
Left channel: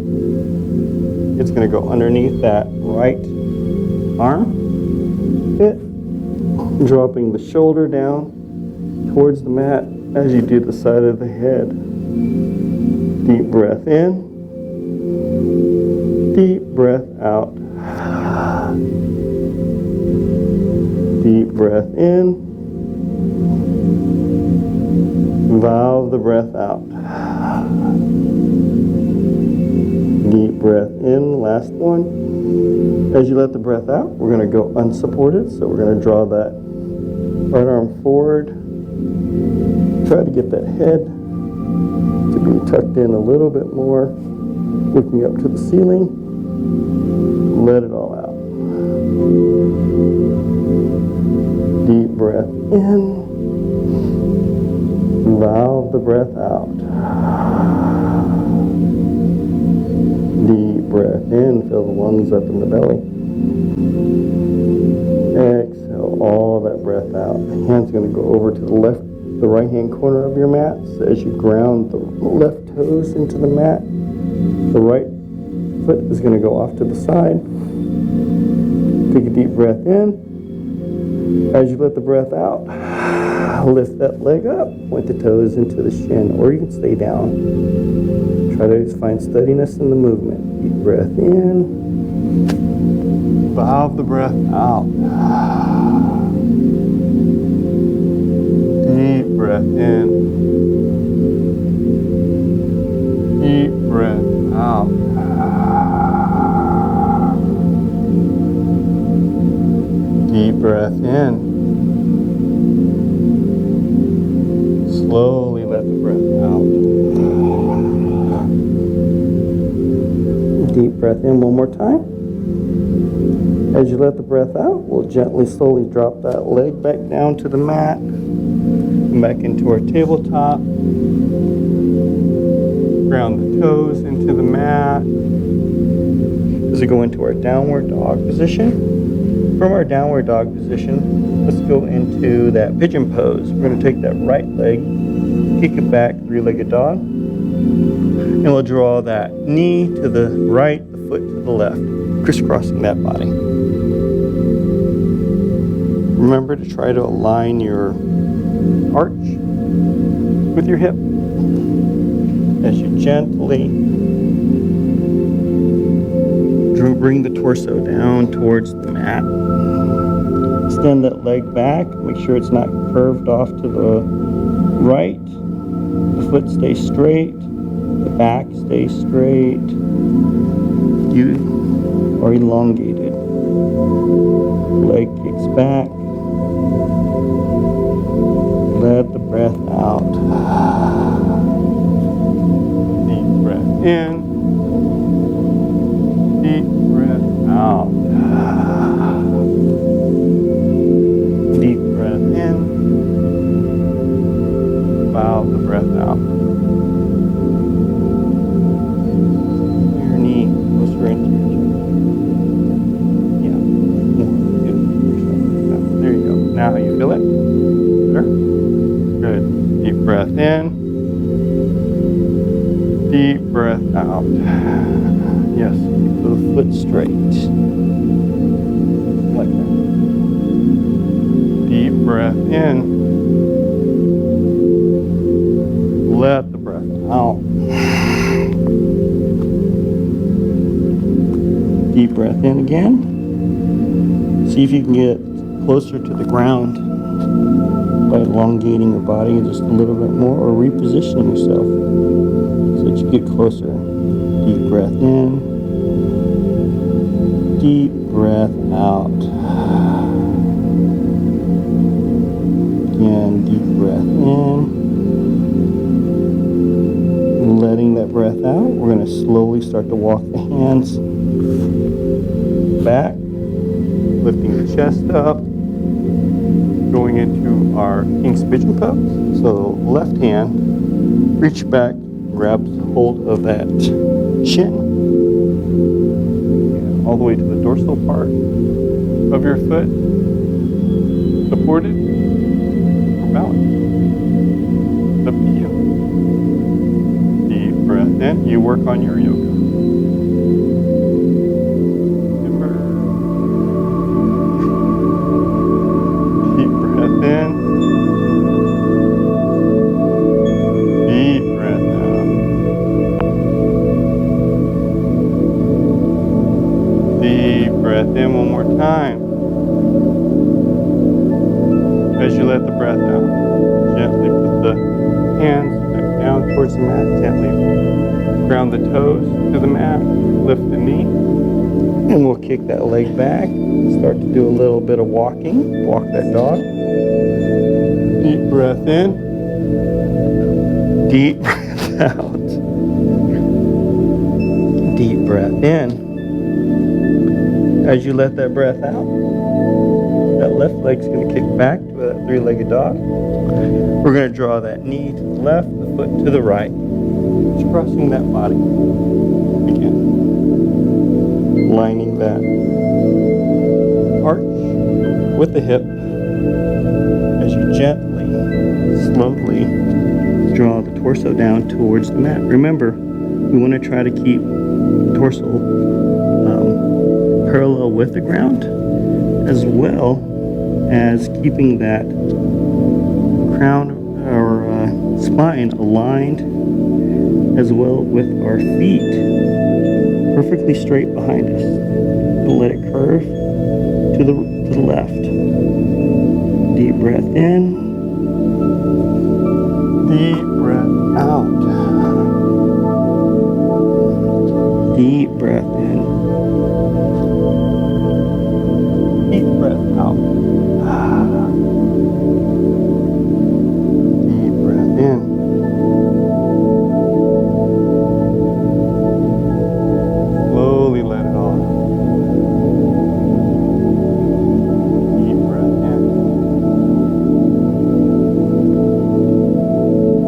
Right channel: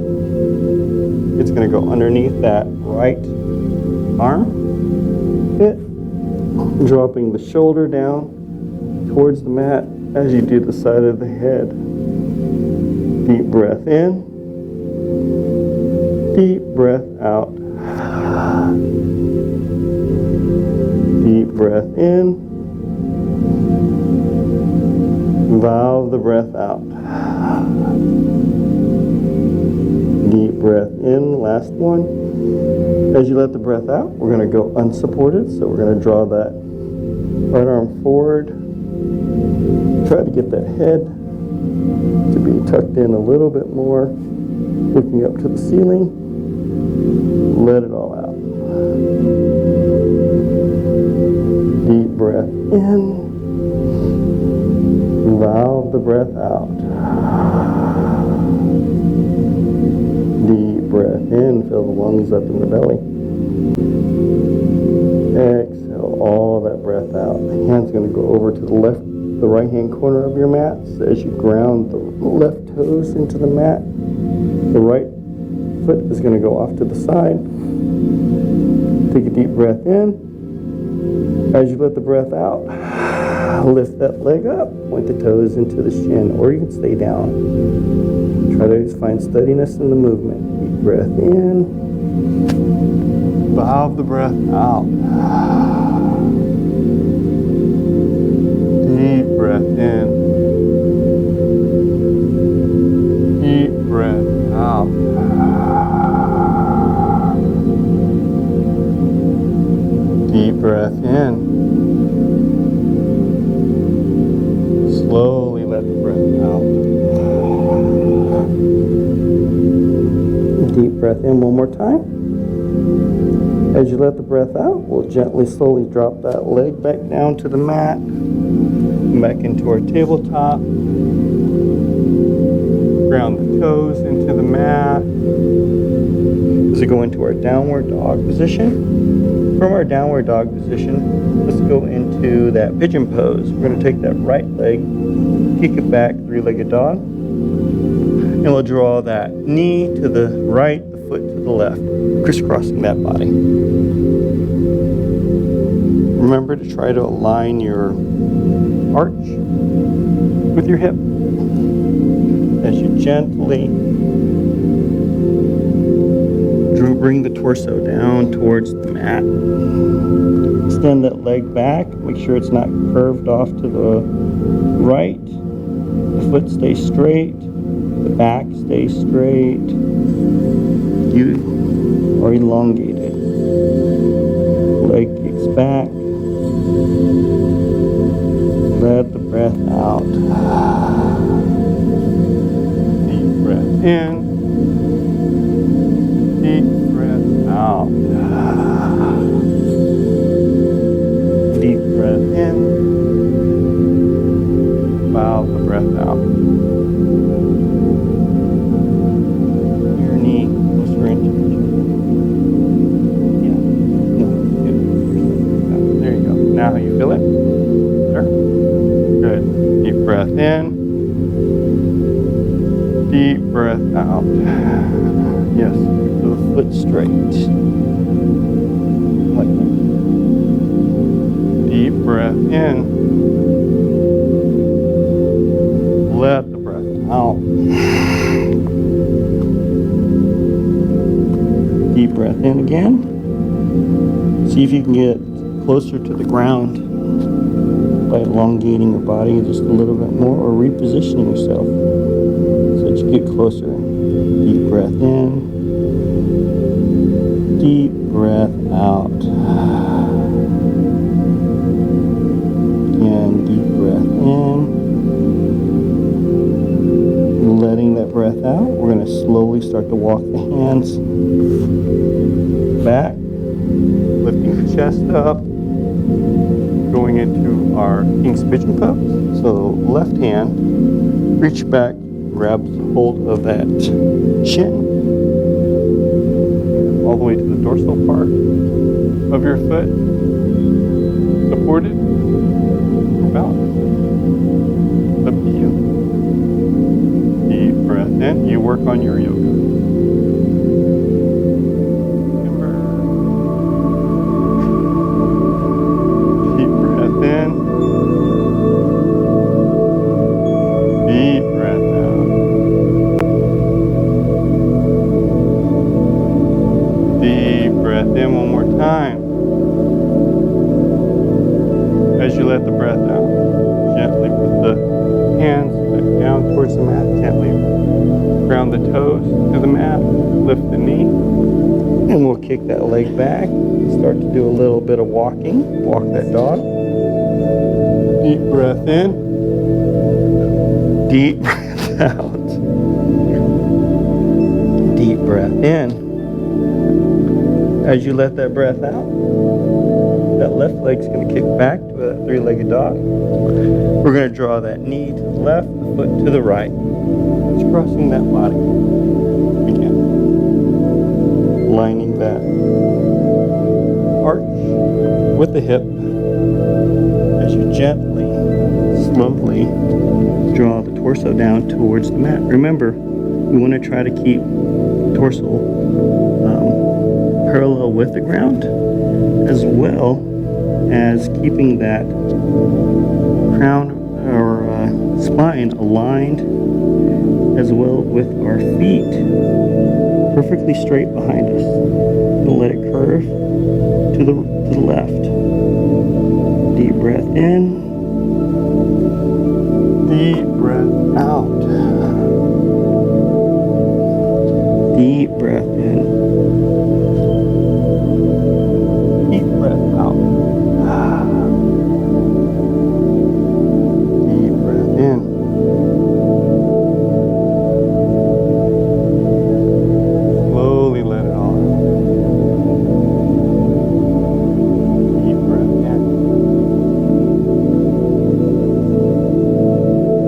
It's going to go underneath that right arm pit, dropping the shoulder down towards the mat as you do the side of the head. Deep breath in, deep breath out. Deep breath in, valve the breath out. Deep breath in, last one. As you let the breath out, we're going to go unsupported. So we're going to draw that right arm forward. Try to get that head to be tucked in a little bit more, looking up to the ceiling. Let it all out. Deep breath in. Valve the breath out. Deep breath in, fill the lungs up in the belly. Exhale all that breath out. The hand's going to go over to the right hand corner of your mat. So as you ground the left toes into the mat, the right foot is going to go off to the side. Take a deep breath in. As you let the breath out, lift that leg up, point the toes into the shin, or you can stay down. Try to just find steadiness in the movement. Deep breath in, valve the breath out. Deep breath in, deep breath out. Deep breath in. Slowly let the breath out. Deep breath in one more time. As you let the breath out, we'll gently, slowly drop that leg back down to the mat. Come back into our tabletop. Ground the toes into the mat. As we go into our downward dog position. From our downward dog position, let's go into that pigeon pose. We're going to take that right leg, kick it back, three-legged dog. And we'll draw that knee to the right, the foot to the left, crisscrossing that body. Remember to try to align your arch with your hip as you gently bring the torso down towards the mat. Extend that leg back, make sure it's not curved off to the right. The foot stays straight, the back stays straight. You are elongated. Leg kicks back. Let the breath out. Deep breath in. Deep breath out. Deep breath in. Bow the breath out. Your knee closer into your chest. Yeah, more. Good. There you go. Now you feel it? Better? Good. Deep breath in. Deep breath out. Yes, keep the foot straight. Like that. Deep breath in. Let the breath out. Deep breath in again. See if you can get closer to the ground by elongating your body just a little bit more or repositioning yourself so that you get closer. Deep breath in. Deep breath out. Again, deep breath in. Letting that breath out, we're going to slowly start to walk the hands back, lifting the chest up, going into our King's Pigeon pose. So left hand, reach back, grabs hold of that shin, and all the way to the dorsal part of your foot, supported or balanced. It's up to you. Deep breath in. You work on your yoga. Remember. Deep breath in. Deep breath out. Deep breath in one more time. As you let the breath out, gently put the hands back down towards the mat. Gently ground the toes to the mat. Lift the knee. And we'll kick that leg back and start to do a little bit of walking. Walk that dog. Deep breath in. Deep breath out. Deep breath in. As you let that breath out, that left leg's going to kick back to a three-legged dog. We're going to draw that knee to the left, the foot to the right. Just crossing that body. Again. Lining that arch with the hip as you gently, slowly draw the torso down towards the mat. Remember, we want to try to keep the torso parallel with the ground, as well as keeping that crown or spine aligned as well with our feet perfectly straight behind us. Don't let it curve to the left. Deep breath in. Deep breath out. Deep breath in. Deep breath out. Deep breath in. Slowly let it all out. Deep breath in.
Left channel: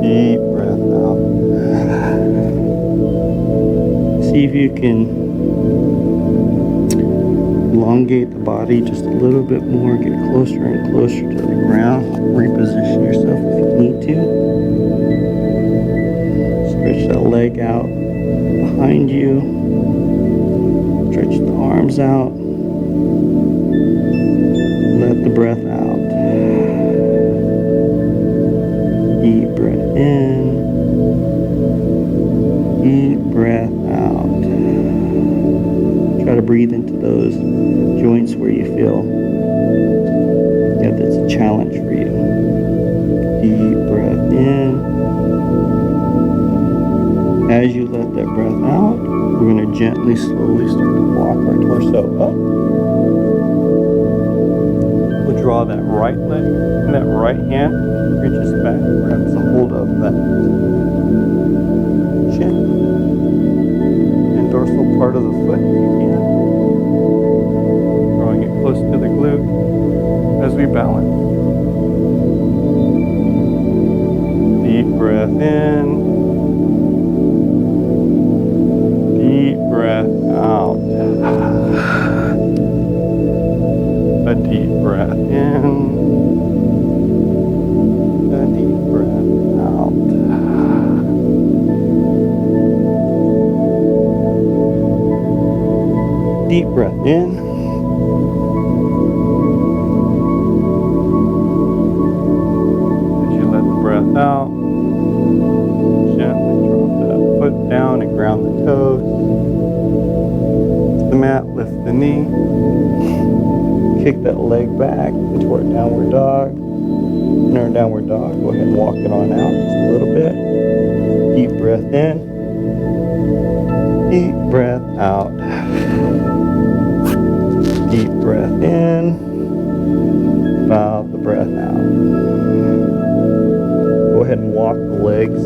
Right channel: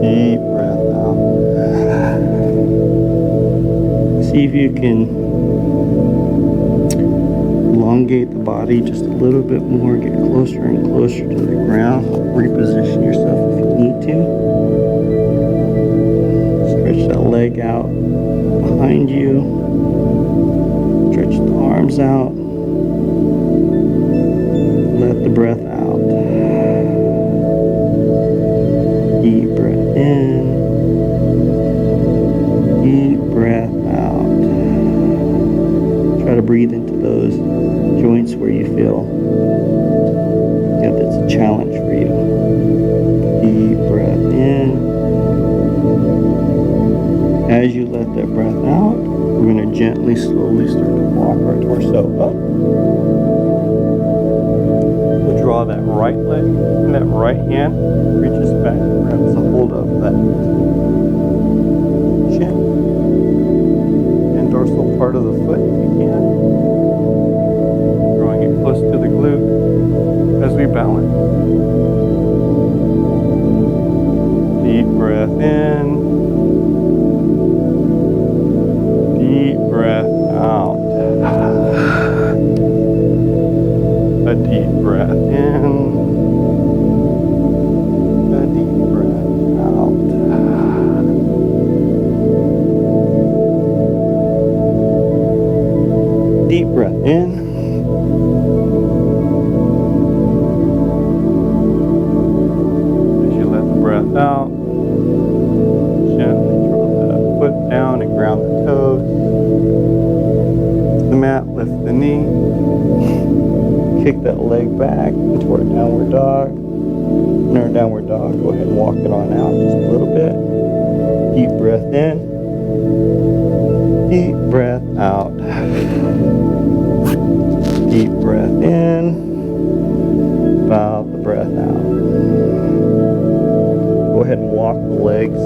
Deep breath out. See if you can elongate the body just a little bit more, get closer and closer to the ground. Reposition yourself if you need to. Stretch that leg out behind you. Stretch the arms out. Let the breath out. Deep breath in. Deep breath out. Try to breathe into those joints where you feel that's a challenge for you. Deep breath in. As you let that breath out, we're going to gently, slowly start to walk our torso up. We'll draw that right leg, and that right hand reaches back, grabs a hold of that shin and dorsal part of the foot if you can. Drawing it close to the glute as we balance. Deep breath in. Deep breath out. A deep breath in. A deep breath out. Deep breath in. As you let the breath out, gently drop that foot down and ground the toes. To the mat, lift the knee. Kick that leg back into our downward dog. In our downward dog, go ahead and walk it on out just a little bit. Deep breath in. Deep breath out. Deep breath in. Bow the breath out. Go ahead and walk the legs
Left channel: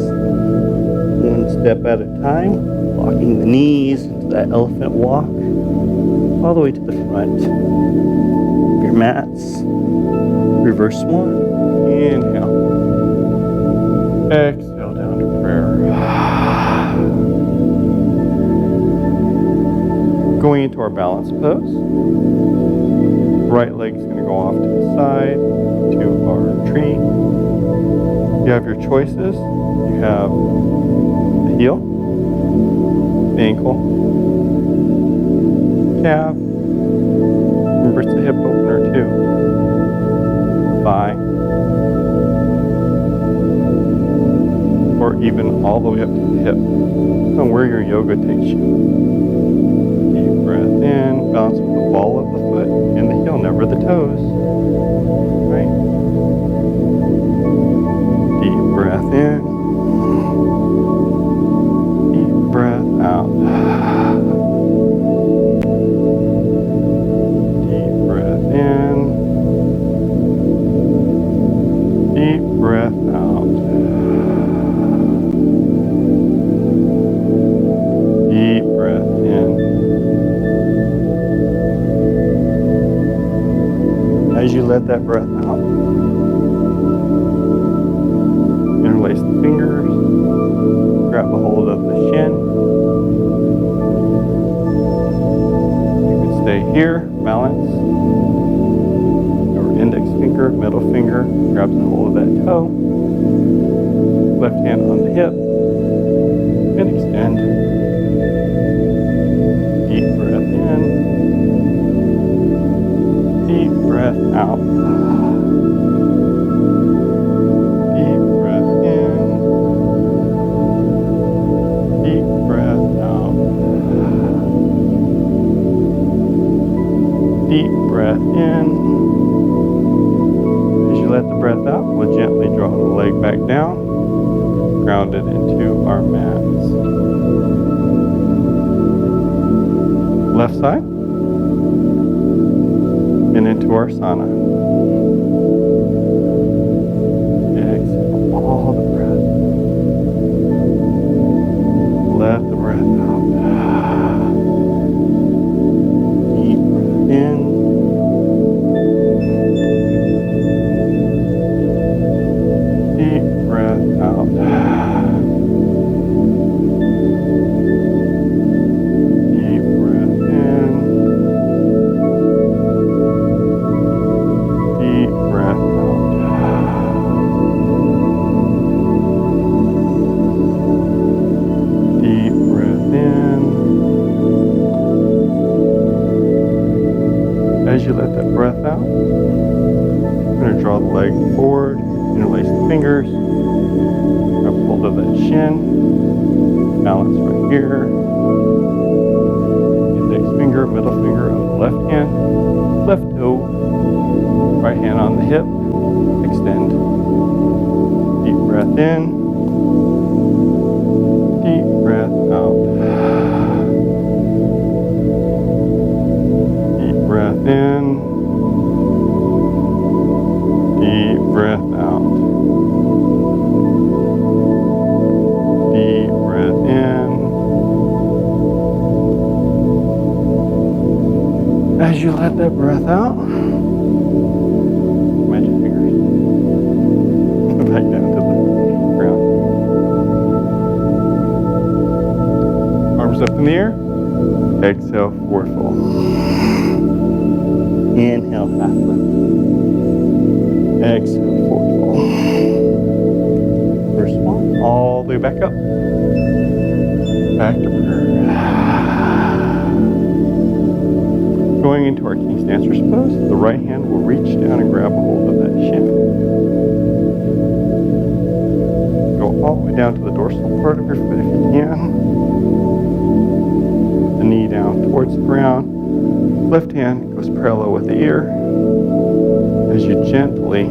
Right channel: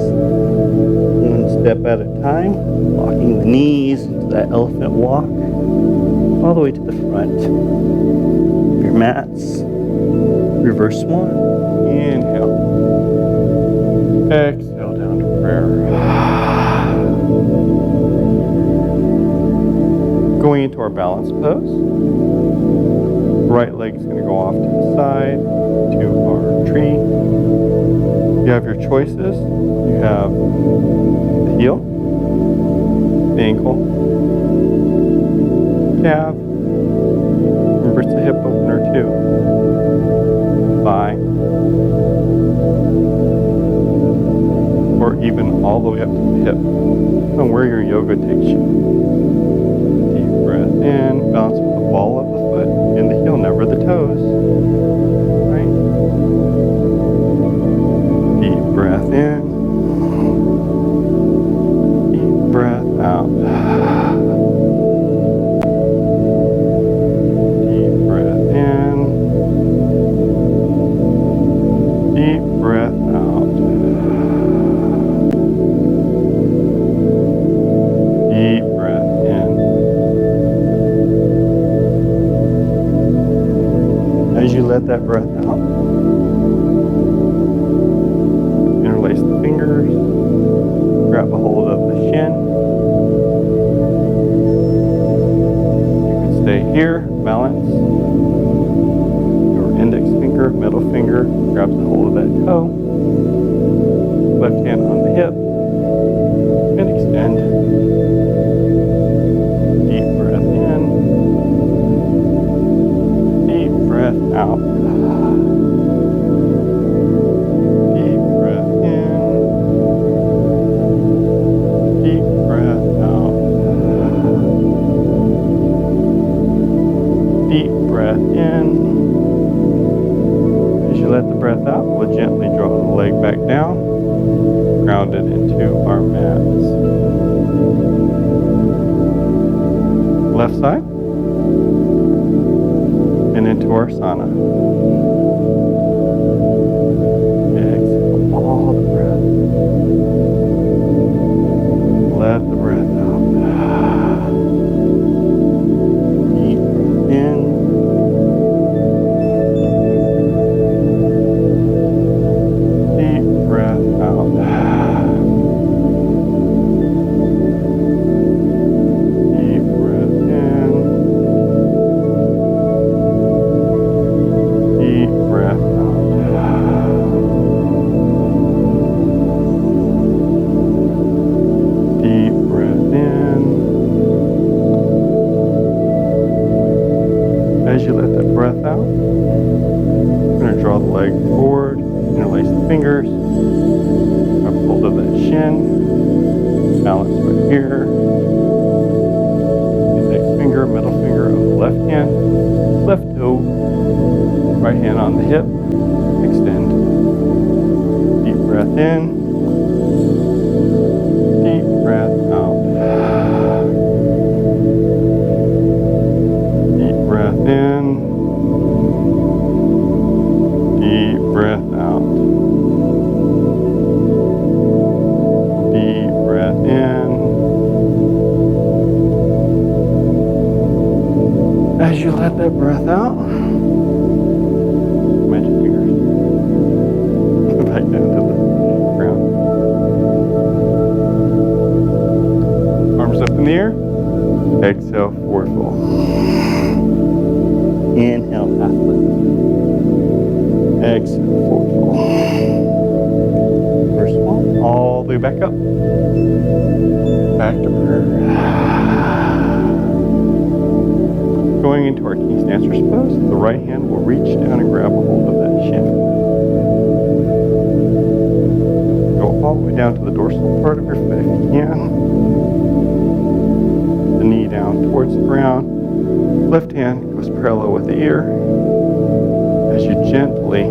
one step at a time, locking the knees into that elephant walk all the way to the front of your mats. Reverse swan. Inhale. Exhale down to prayer. Going into our balance pose. Right leg's going to go off to the side to our tree. You have your choices. You have the heel, the ankle, calf. Remember, it's a hip opener too. Thigh, or even all the way up to the hip. Depending on where your yoga takes you. Deep breath in, balance with the ball of the foot and the heel, never the toes. Right? Deep breath in. Deep breath out. Deep breath in. Deep breath out. Deep breath in. As you let that breath out, interlace the fingers, grab a hold of the shin. You can stay here, balance. Your index finger, middle finger, grabs a hold of that toe. Left hand on the hip, and extend. Deep breath in. Deep breath out. Deep breath in. Deep breath out. Deep breath in. As you let the breath out, we'll gently draw the leg back down, ground it into our mats. Left side. And into our sauna. Exhale all the breath. Let the breath out. Deep breath in. Deep breath out. Deep breath in. Deep breath out. Deep breath in. As you let that breath out, you're going to draw the leg forward, interlace the fingers, grab hold of that shin, balance right here. Index finger, middle finger of the left hand, left toe, right hand on the hip, extend. Deep breath in, deep breath out. Deep breath in, deep breath out. Deep breath in. As you let that breath out, magic fingers back down to the ground. Arms up in the air. Exhale, forward fold. Inhale, half lift. Exhale, forward fold. First one, all the way back up. Back to prayer. Going into our King Dancer's pose, the right hand will reach down and grab a hold of that shin. Go all the way down to the dorsal part of your foot if you can. The knee down towards the ground. Left hand goes parallel with the ear. As you gently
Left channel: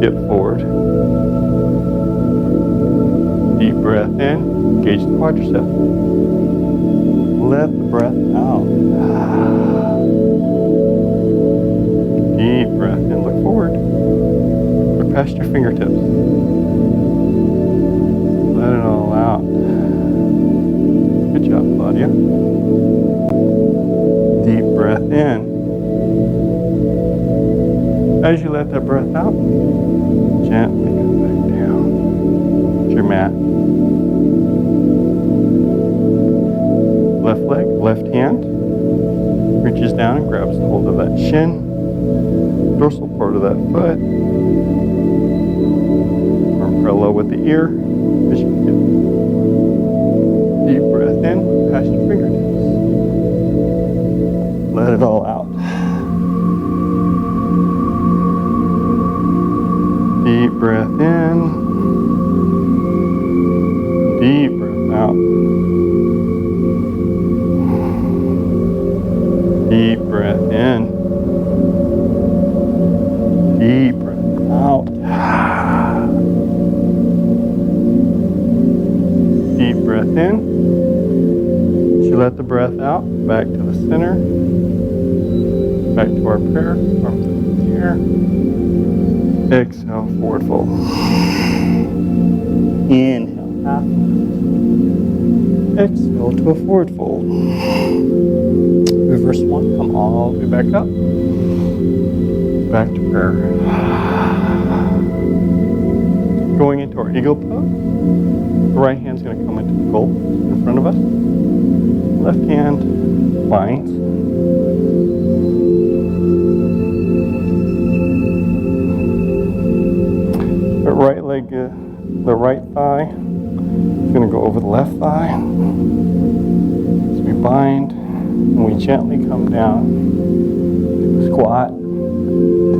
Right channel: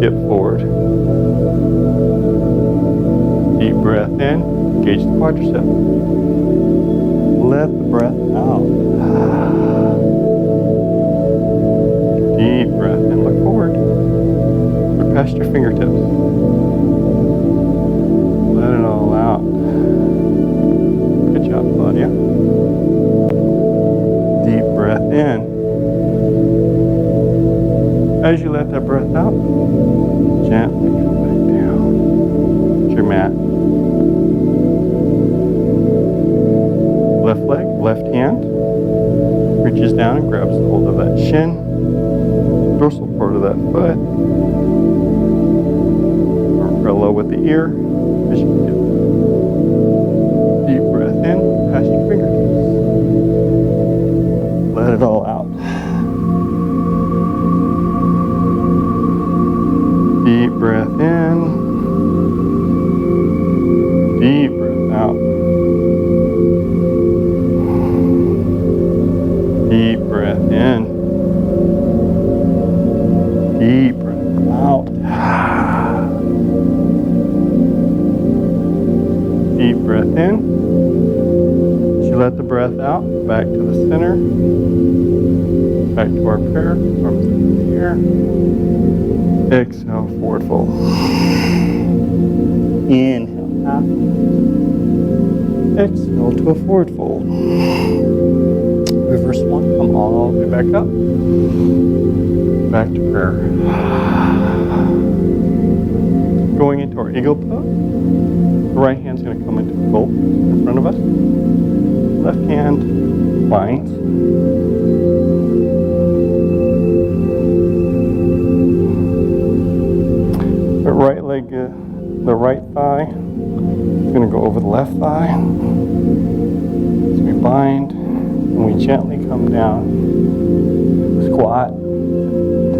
dip forward. Deep breath in, engage the quadricep. Let the breath out. Deep breath in, look forward. Look past your fingertips. Let it all out. Good job, Claudia. Deep breath in. As you let that breath out, gently come back down to your mat. Left leg, left hand reaches down and grabs hold of that shin, dorsal part of that foot, arm parallel with the ear as you do. Deep breath in, past your fingertips. Let it all out. Deep breath in, deep breath out. Deep breath in. Deep breath out. Deep breath in. As you let the breath out, back to the center. Back to our prayer. Arms up in the air. Exhale, forward fold. Inhale, half lift. Exhale to a forward fold. Reverse one, come all the way back up. Back to prayer. Going into our eagle pose. The right hand's going to come into the goal in front of us. Left hand binds. The right leg, the right thigh is going to go over the left thigh. As we bind. And we gently come down to a squat,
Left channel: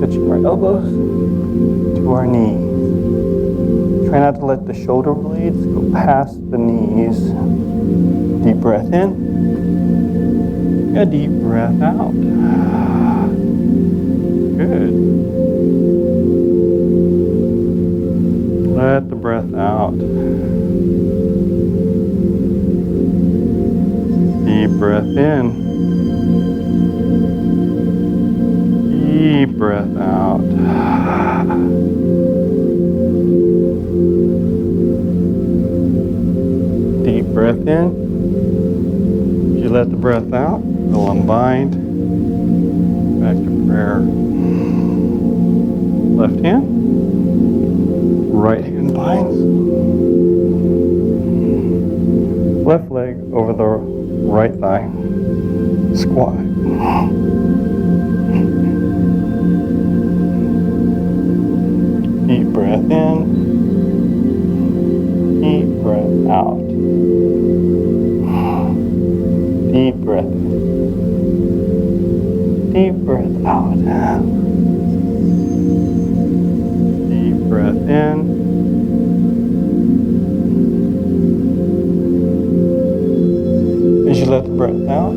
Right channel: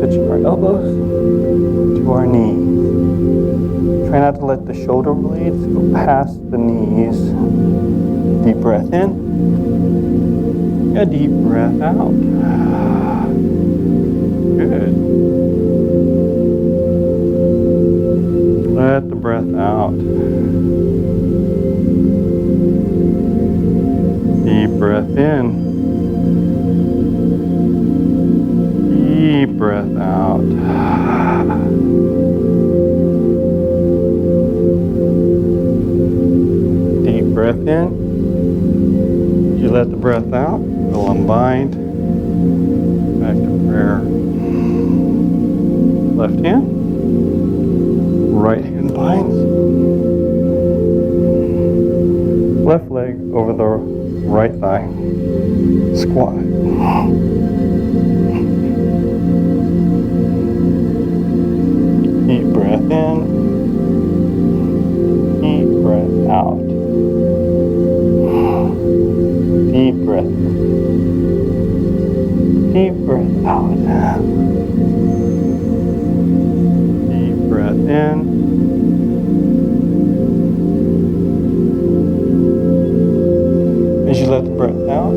touching our elbows to our knees. Try not to let the shoulder blades go past the knees. Deep breath in, a deep breath out. Good. Let the breath out. Deep breath in. Deep breath out. Deep breath in. As you let the breath out, we'll unbind. Back to prayer. Left hand. Right hand binds. Left leg over the right thigh. Squat. Deep breath in. Deep breath out. Deep breath in. Deep breath out. Deep breath in. As you let the breath out,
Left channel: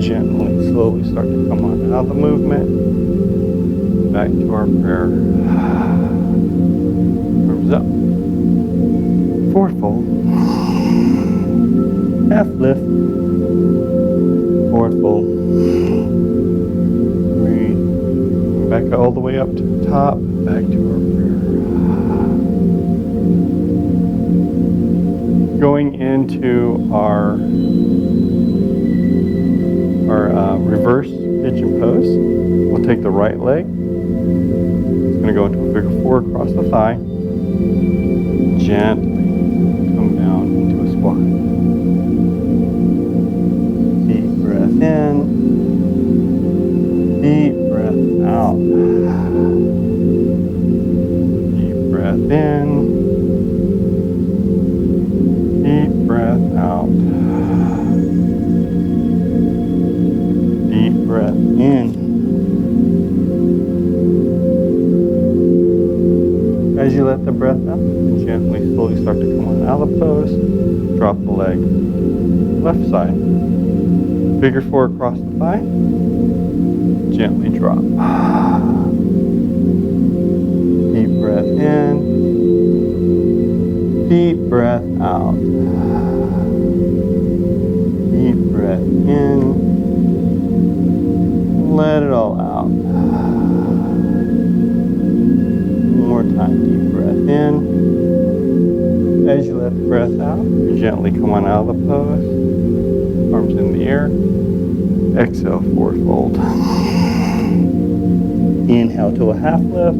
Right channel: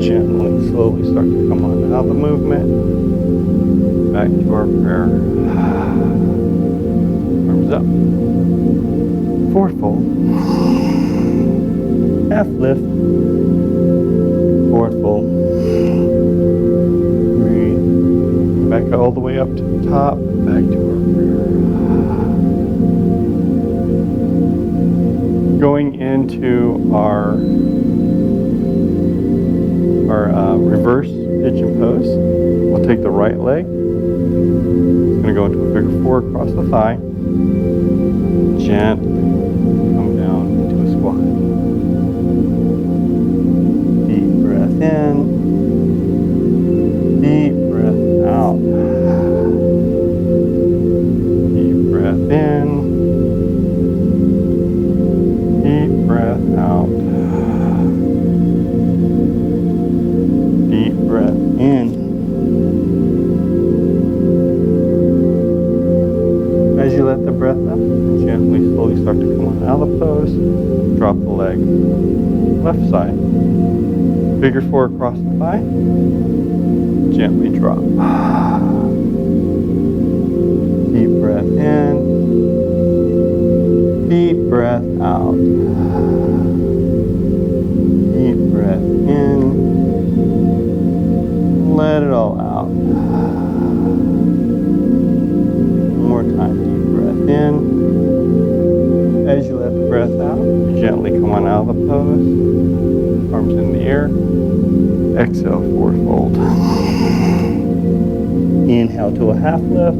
gently, slowly start to come on out of the movement. Back to our prayer. Arms up. Forward fold. Half lift. Forward fold. Breathe. Back all the way up to the top. Back to our prayer. Going into our reverse pigeon pose. We'll take the right leg. It's going to go into a figure four across the thigh. Gently come down into a squat. Deep breath in. Deep breath out. Deep breath in. Deep breath out. Deep breath in. As you let the breath out, gently, slowly start to come on out of the pose. Drop the leg. Left side. Figure four across the thigh. Gently drop. Deep breath in. Deep breath out. Deep breath in. Let it all out. One more time, deep breath in. As you let the breath out, you gently come on out of the pose. Arms in the air. Exhale, forward fold. Inhale to a half lift.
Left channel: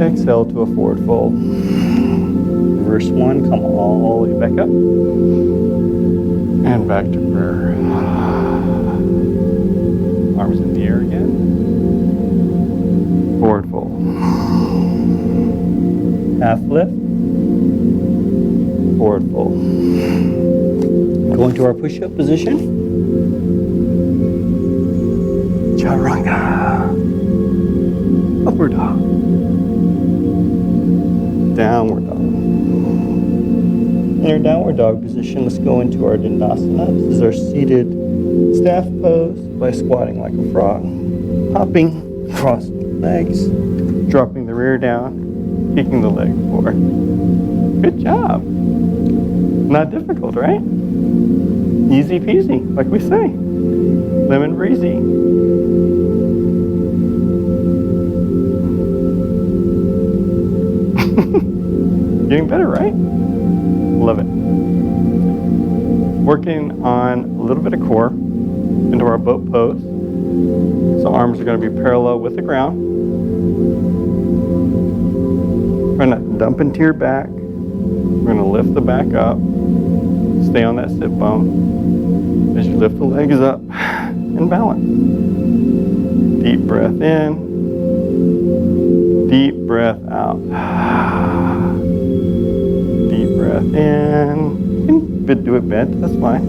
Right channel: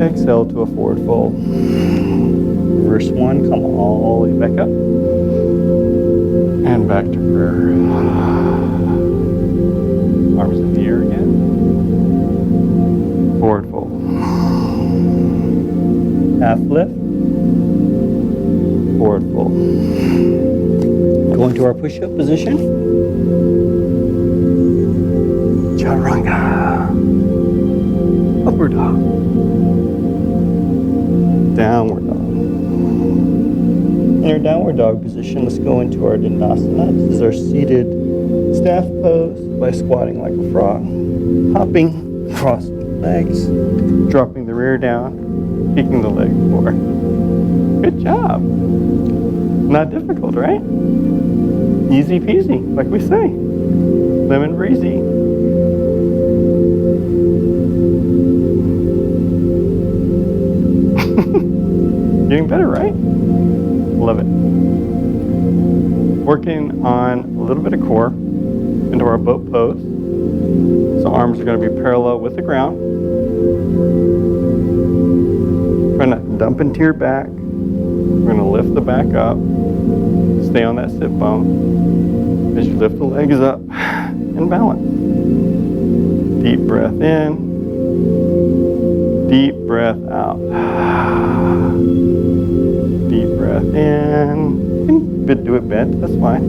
Exhale to a forward fold. Reverse one, come all the way back up. And back to prayer. Arms in the air again. Forward fold. Half lift. Forward fold. Go into our push-up position. Chaturanga. Upward dog. Downward dog. In our downward dog position, let's go into our Dandasana. This is our seated staff pose by squatting like a frog, hopping across the legs, dropping the rear down, kicking the leg forward. Good job. Not difficult, right? Easy peasy, like we say. Lemon breezy. Getting better, right? Love it. Working on a little bit of core into our boat pose. So arms are going to be parallel with the ground. Try not to dump into your back. We're going to lift the back up. Stay on that sit bone. As you lift the legs up and balance. Deep breath in. Deep breath out. Deep breath in. You can do it bent, that's fine.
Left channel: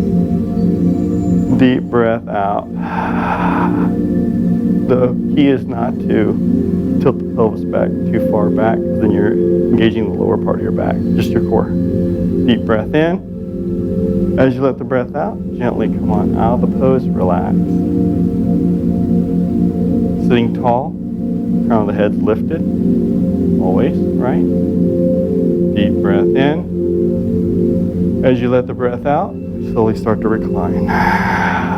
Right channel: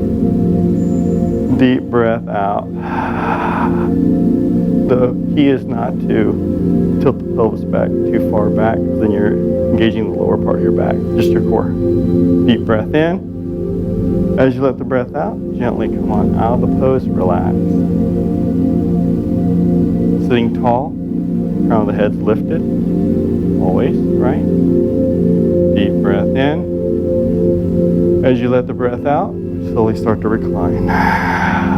Deep breath out. The key is not to tilt the pelvis back too far back, because then you're engaging the lower part of your back, just your core. Deep breath in. As you let the breath out, gently come on out of the pose, relax. Sitting tall, crown of the head's lifted, always, right? Deep breath in. As you let the breath out, slowly start to recline.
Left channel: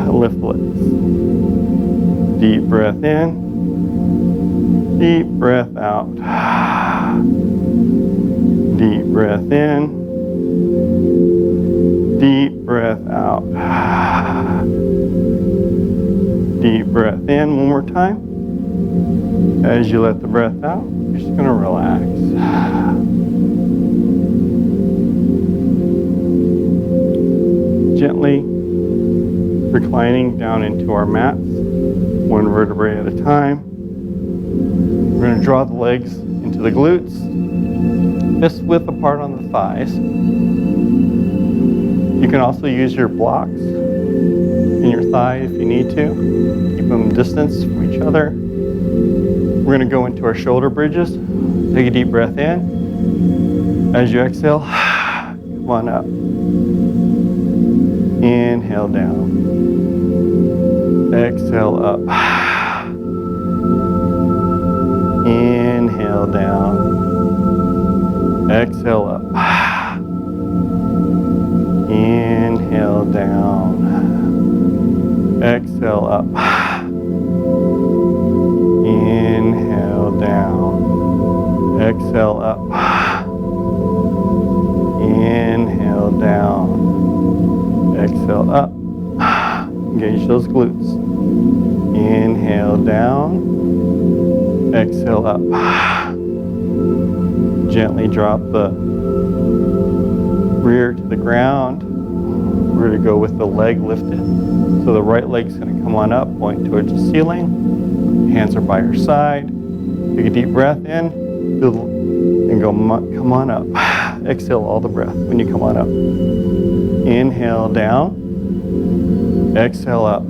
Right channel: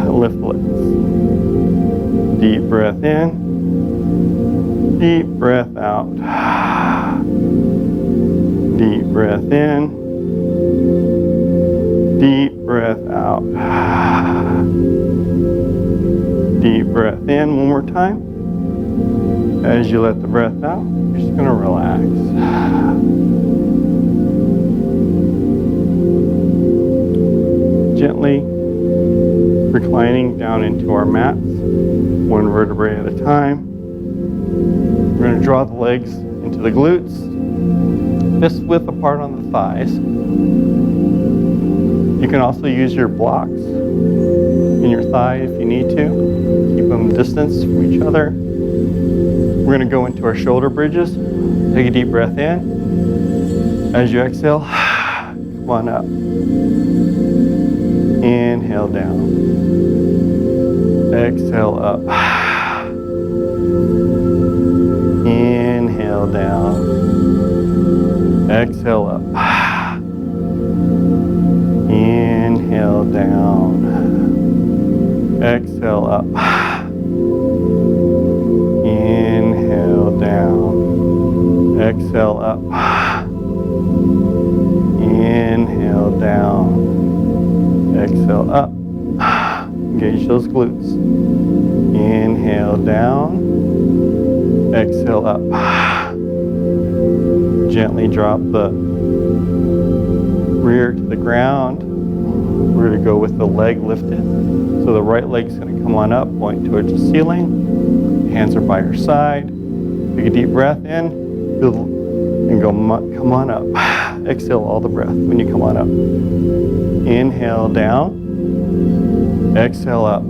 Lift the legs. Deep breath in. Deep breath out. Deep breath in. Deep breath out. Deep breath in. One more time. As you let the breath out, you're just going to relax. Gently reclining down into our mats, one vertebrae at a time. We're going to draw the legs into the glutes, fist width apart on the thighs. You can also use your blocks in your thigh if you need to. Keep them distance from each other. We're going to go into our shoulder bridges. Take a deep breath in. As you exhale, come on up. Inhale down. Exhale up. Inhale down. Exhale up. Inhale down. Exhale up. Inhale down. Exhale up. Inhale down. Exhale up. Engage those glutes. Inhale down. Exhale up. Gently drop the rear to the ground. We're going to go with the leg lifted. So the right leg's going to come on up, point towards the ceiling. Hands are by your side. Take a deep breath in and go, come on up. Exhale all the breath when you come on up. Inhale down. Exhale up.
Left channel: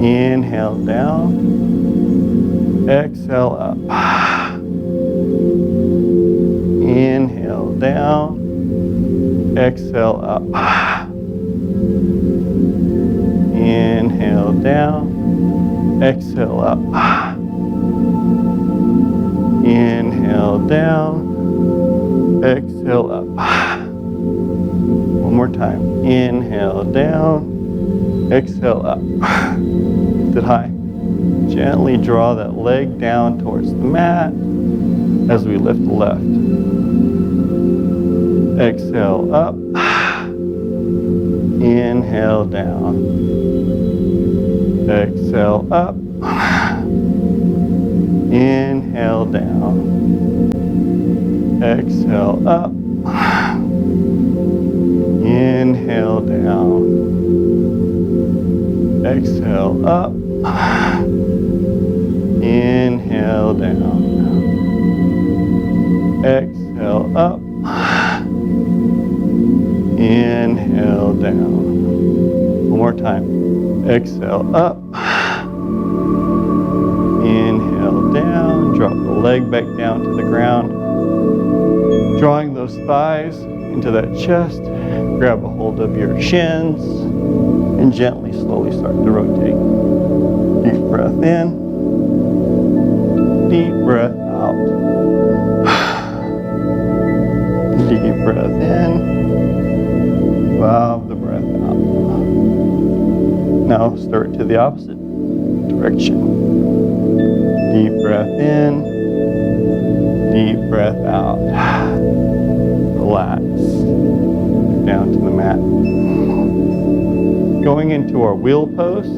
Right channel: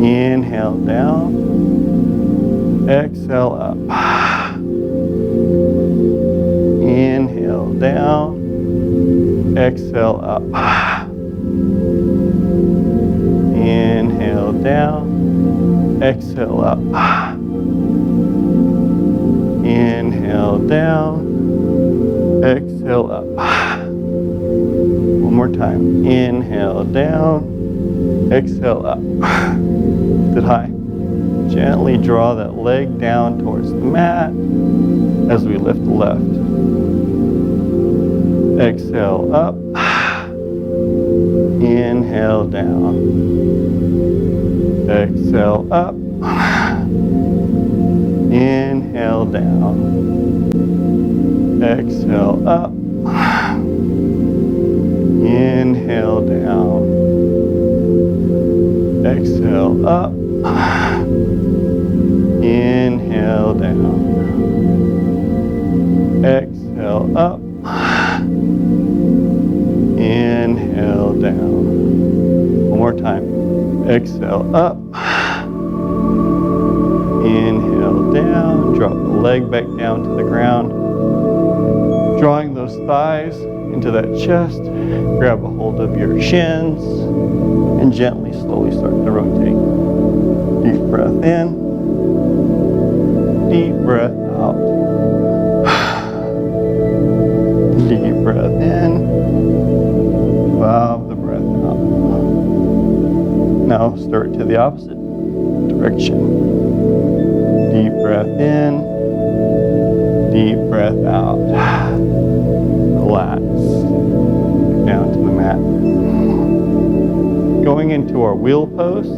Inhale down. Exhale up. Inhale down. Exhale up. Inhale down. Exhale up. Inhale down. Exhale up. One more time. Inhale down. Exhale up. Lift it high. Gently draw that leg down towards the mat as we lift the left. Exhale up. Inhale down. Exhale up. Inhale down. Exhale up. Inhale down. Exhale up. Inhale down. Exhale up. Inhale down. One more time. Exhale up. Inhale down. Drop the leg back down to the ground. Drawing those thighs into that chest. Grab a hold of your shins and gently, slowly start to rotate. Deep breath in. Deep breath out. Deep breath in. Valve the breath out. Now start to the opposite direction. Deep breath in. Deep breath out. Relax. Down to the mat. Going into our wheel pose,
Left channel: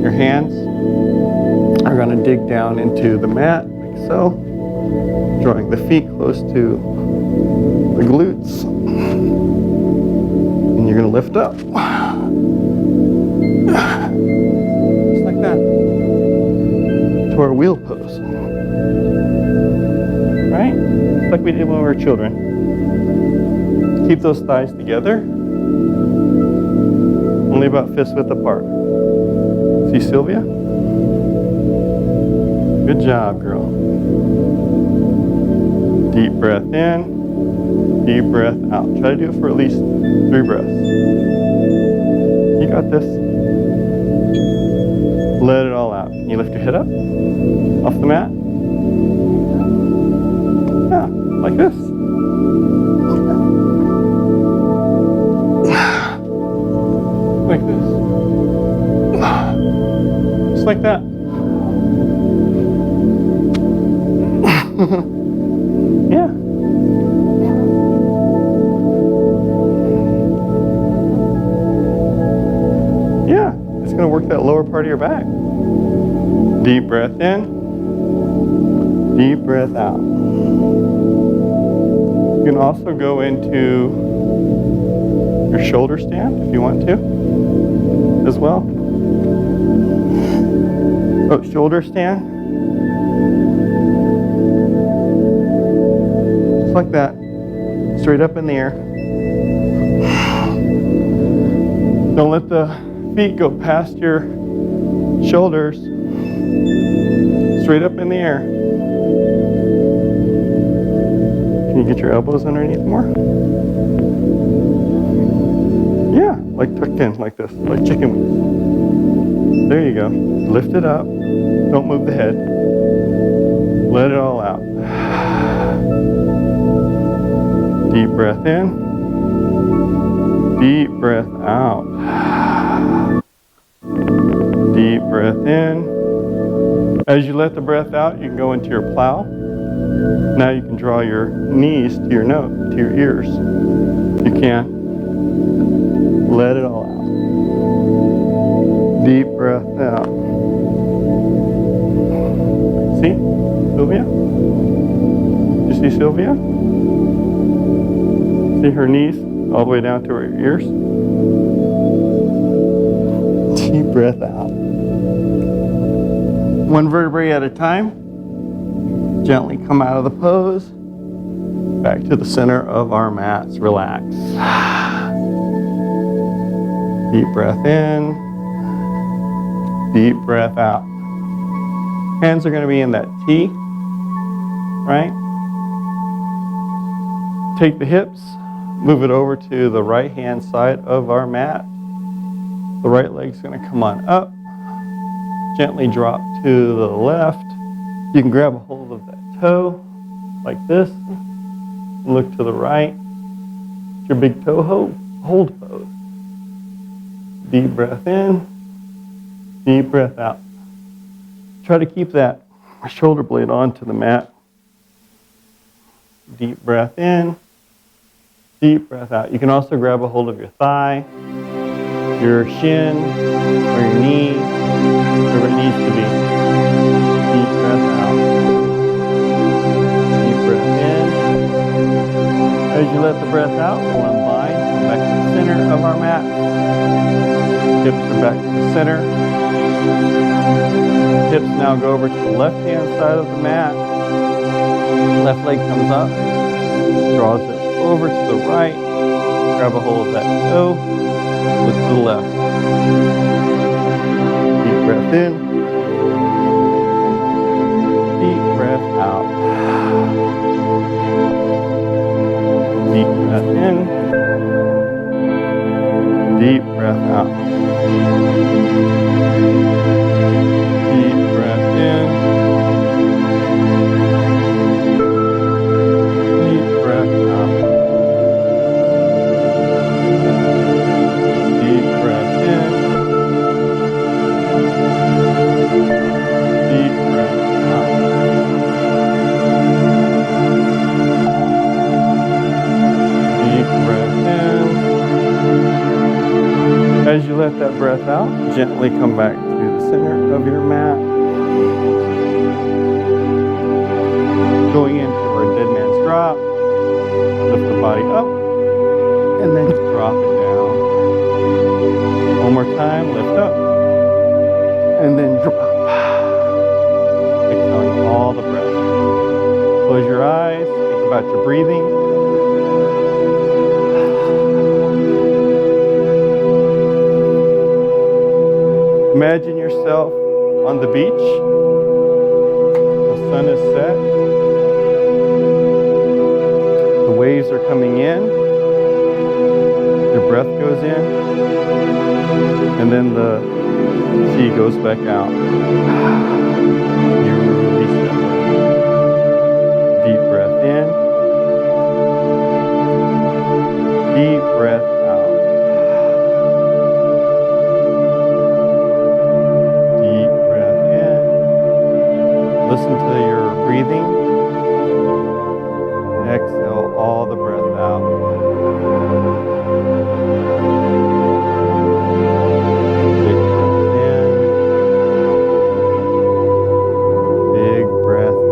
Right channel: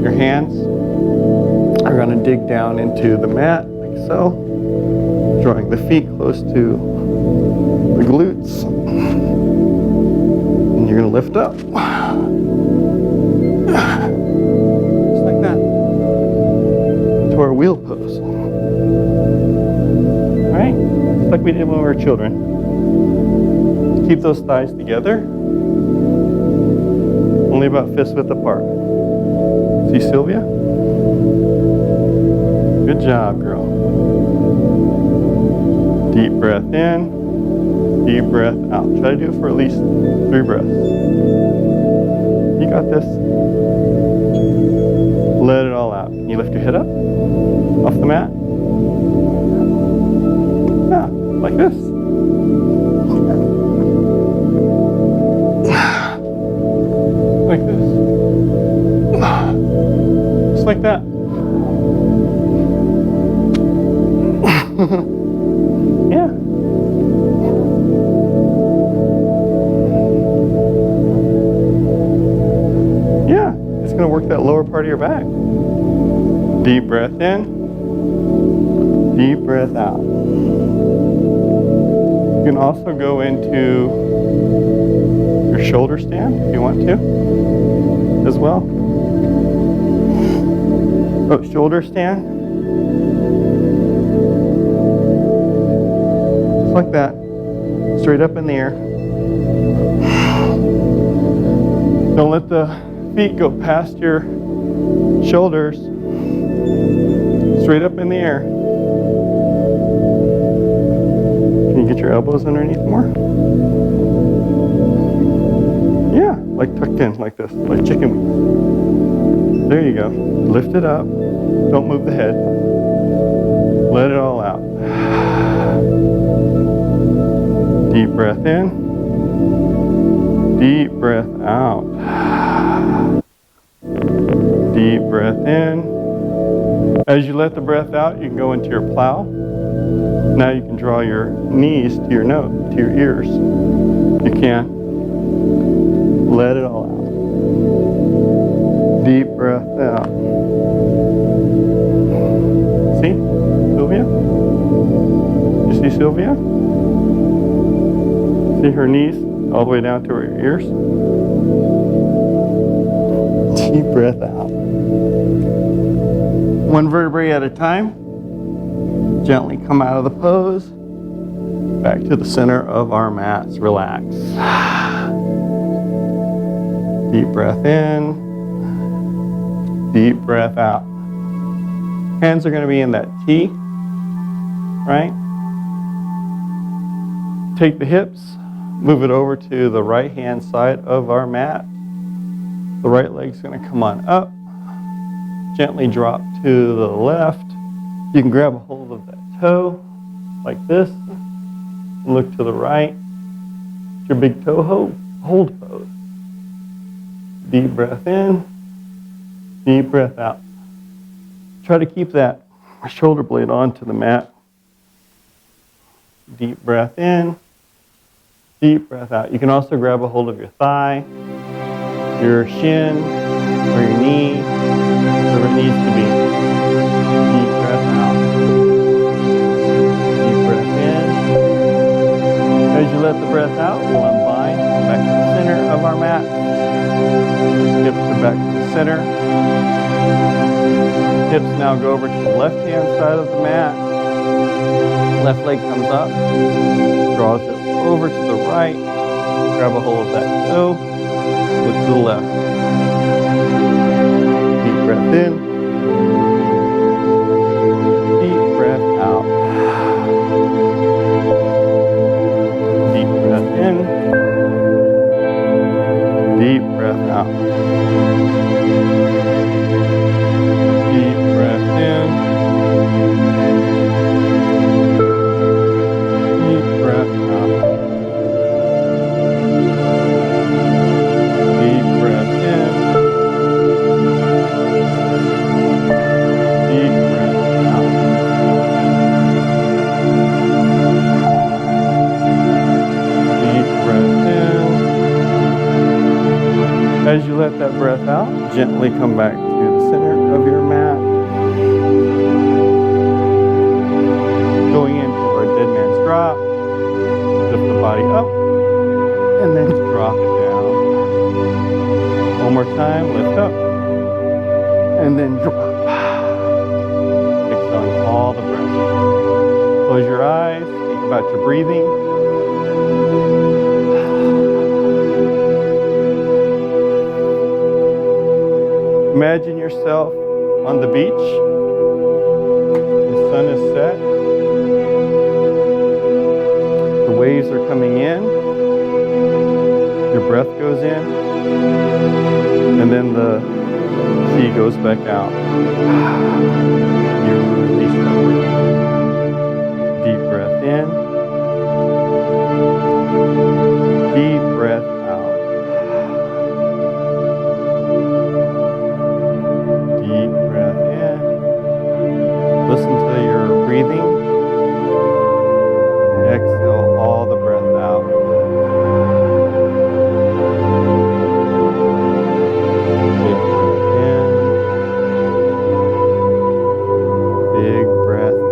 your hands are going to dig down into the mat like so, drawing the feet close to the glutes. And you're going to lift up. Just like that. To our wheel pose. Right? Just like we did when we were children. Keep those thighs together. Only about fist width apart. See Sylvia? Good job, girl. Deep breath in. Deep breath out. Try to do it for at least 3 breaths. You got this. Let it all out. Can you lift your head up? Off the mat? Yeah, like this. Like this. Just like that. Yeah. Yeah, it's going to work that lower part of your back. Deep breath in. Deep breath out. You can also go into your shoulder stand if you want to as well. So shoulder stand. Just like that. Straight up in the air. Don't let the feet go past your shoulders. Straight up in the air. Can you get your elbows underneath more? Yeah, like tucked in like this, like chicken wings. There you go. Lift it up. Don't move the head. Let it all out. Deep breath in. Deep breath out. Deep breath in. As you let the breath out, you can go into your plow. Now you can draw your knees to your ears. You can. Let it all out. Deep breath out. See, Sylvia? You see Sylvia? See her knees all the way down to her ears? Deep breath out. One vertebrae at a time. Gently come out of the pose. Back to the center of our mats. Relax. Deep breath in. Deep breath out. Hands are going to be in that T, right? Take the hips, move it over to the right hand side of our mat. The right leg's going to come on up. Gently drop to the left. You can grab a hold of that toe like this. Look to the right. Your big toe hold pose. Deep breath in. Deep breath out. Try to keep that shoulder blade onto the mat. Deep breath in. Deep breath out. You can also grab a hold of your thigh, your shin, or your knee, wherever it needs to be. Deep breath out. Deep breath in. As you let the breath out, we'll unbind, come back to the center of our mat. Hips are back to the center. Hips now go over to the left-hand side of the mat. Left leg comes up, draws it over to the right. Grab a hold of that toe, look to the left. Deep breath in. Deep breath out. Deep breath in. Deep breath out. Deep breath in. Deep breath out. Deep breath in. Deep breath out. Deep breath in. As you let that breath out, gently come back to the center of your mat. Going into our dead man's drop. Lift the body up and then drop it down. One more time, lift up and then drop. Exhaling all the breath. Close your eyes, think about your breathing. Imagine yourself on the beach. The sun is set. The waves are coming in. Your breath goes in. And then the sea goes back out. You release that breath. Deep breath in. Deep breath out. Deep breath in. Listen to your breathing. Exhale all the breath out. Big breath in. Big breath out.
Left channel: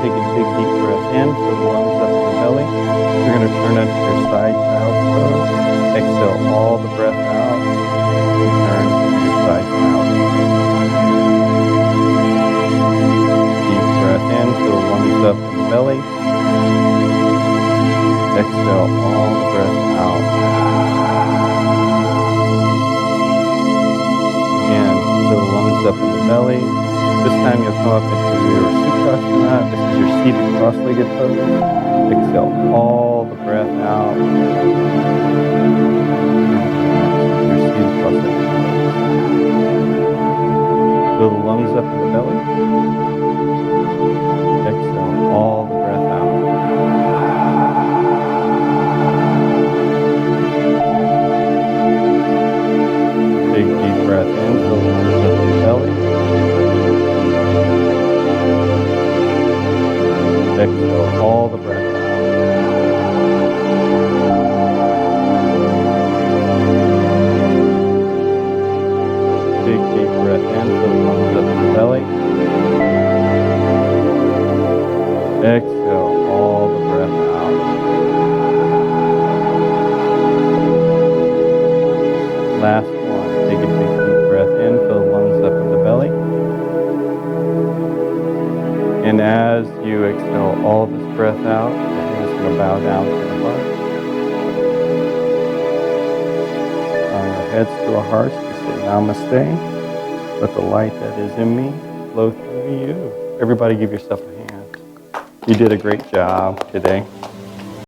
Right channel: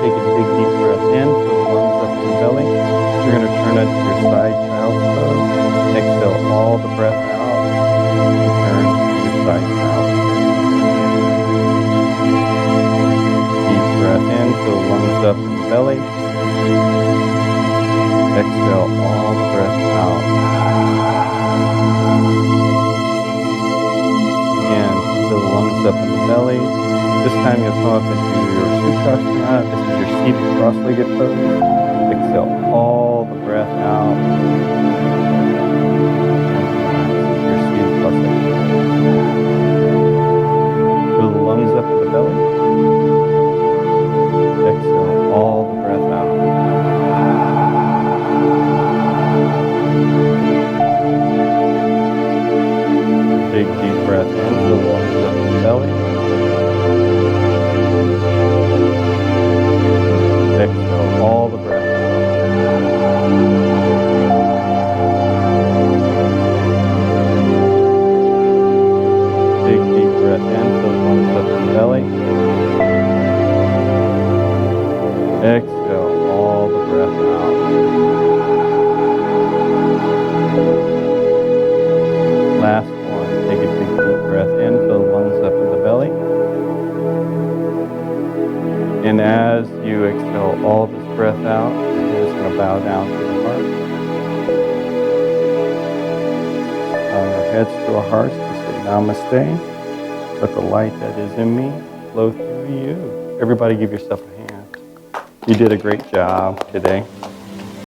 take a big deep breath in, fill the lungs up in the belly. You're going to turn into your side child's pose. Exhale all the breath out and turn to your side child's pose. Deep breath in, fill the lungs up in the belly. Exhale all the breath out. Again, fill the lungs up in the belly. This time you'll come up into your Sukhasana. This is your seated cross-legged pose. Exhale all the breath out. And relax into your seated cross-legged pose. Fill the lungs up in the belly. Exhale all the breath out. Big deep breath in, fill the lungs up in the belly. Exhale all the breath out. Big deep breath in, fill the lungs up in the belly. Exhale all the breath out. Last one, take a big deep breath in, fill the lungs up in the belly. And as you exhale all this breath out, the head is going to bow down to the heart. Bowing our heads to our hearts to say namaste. Let the light that is in me flow through you. Everybody give yourself a hand. You did a great job today.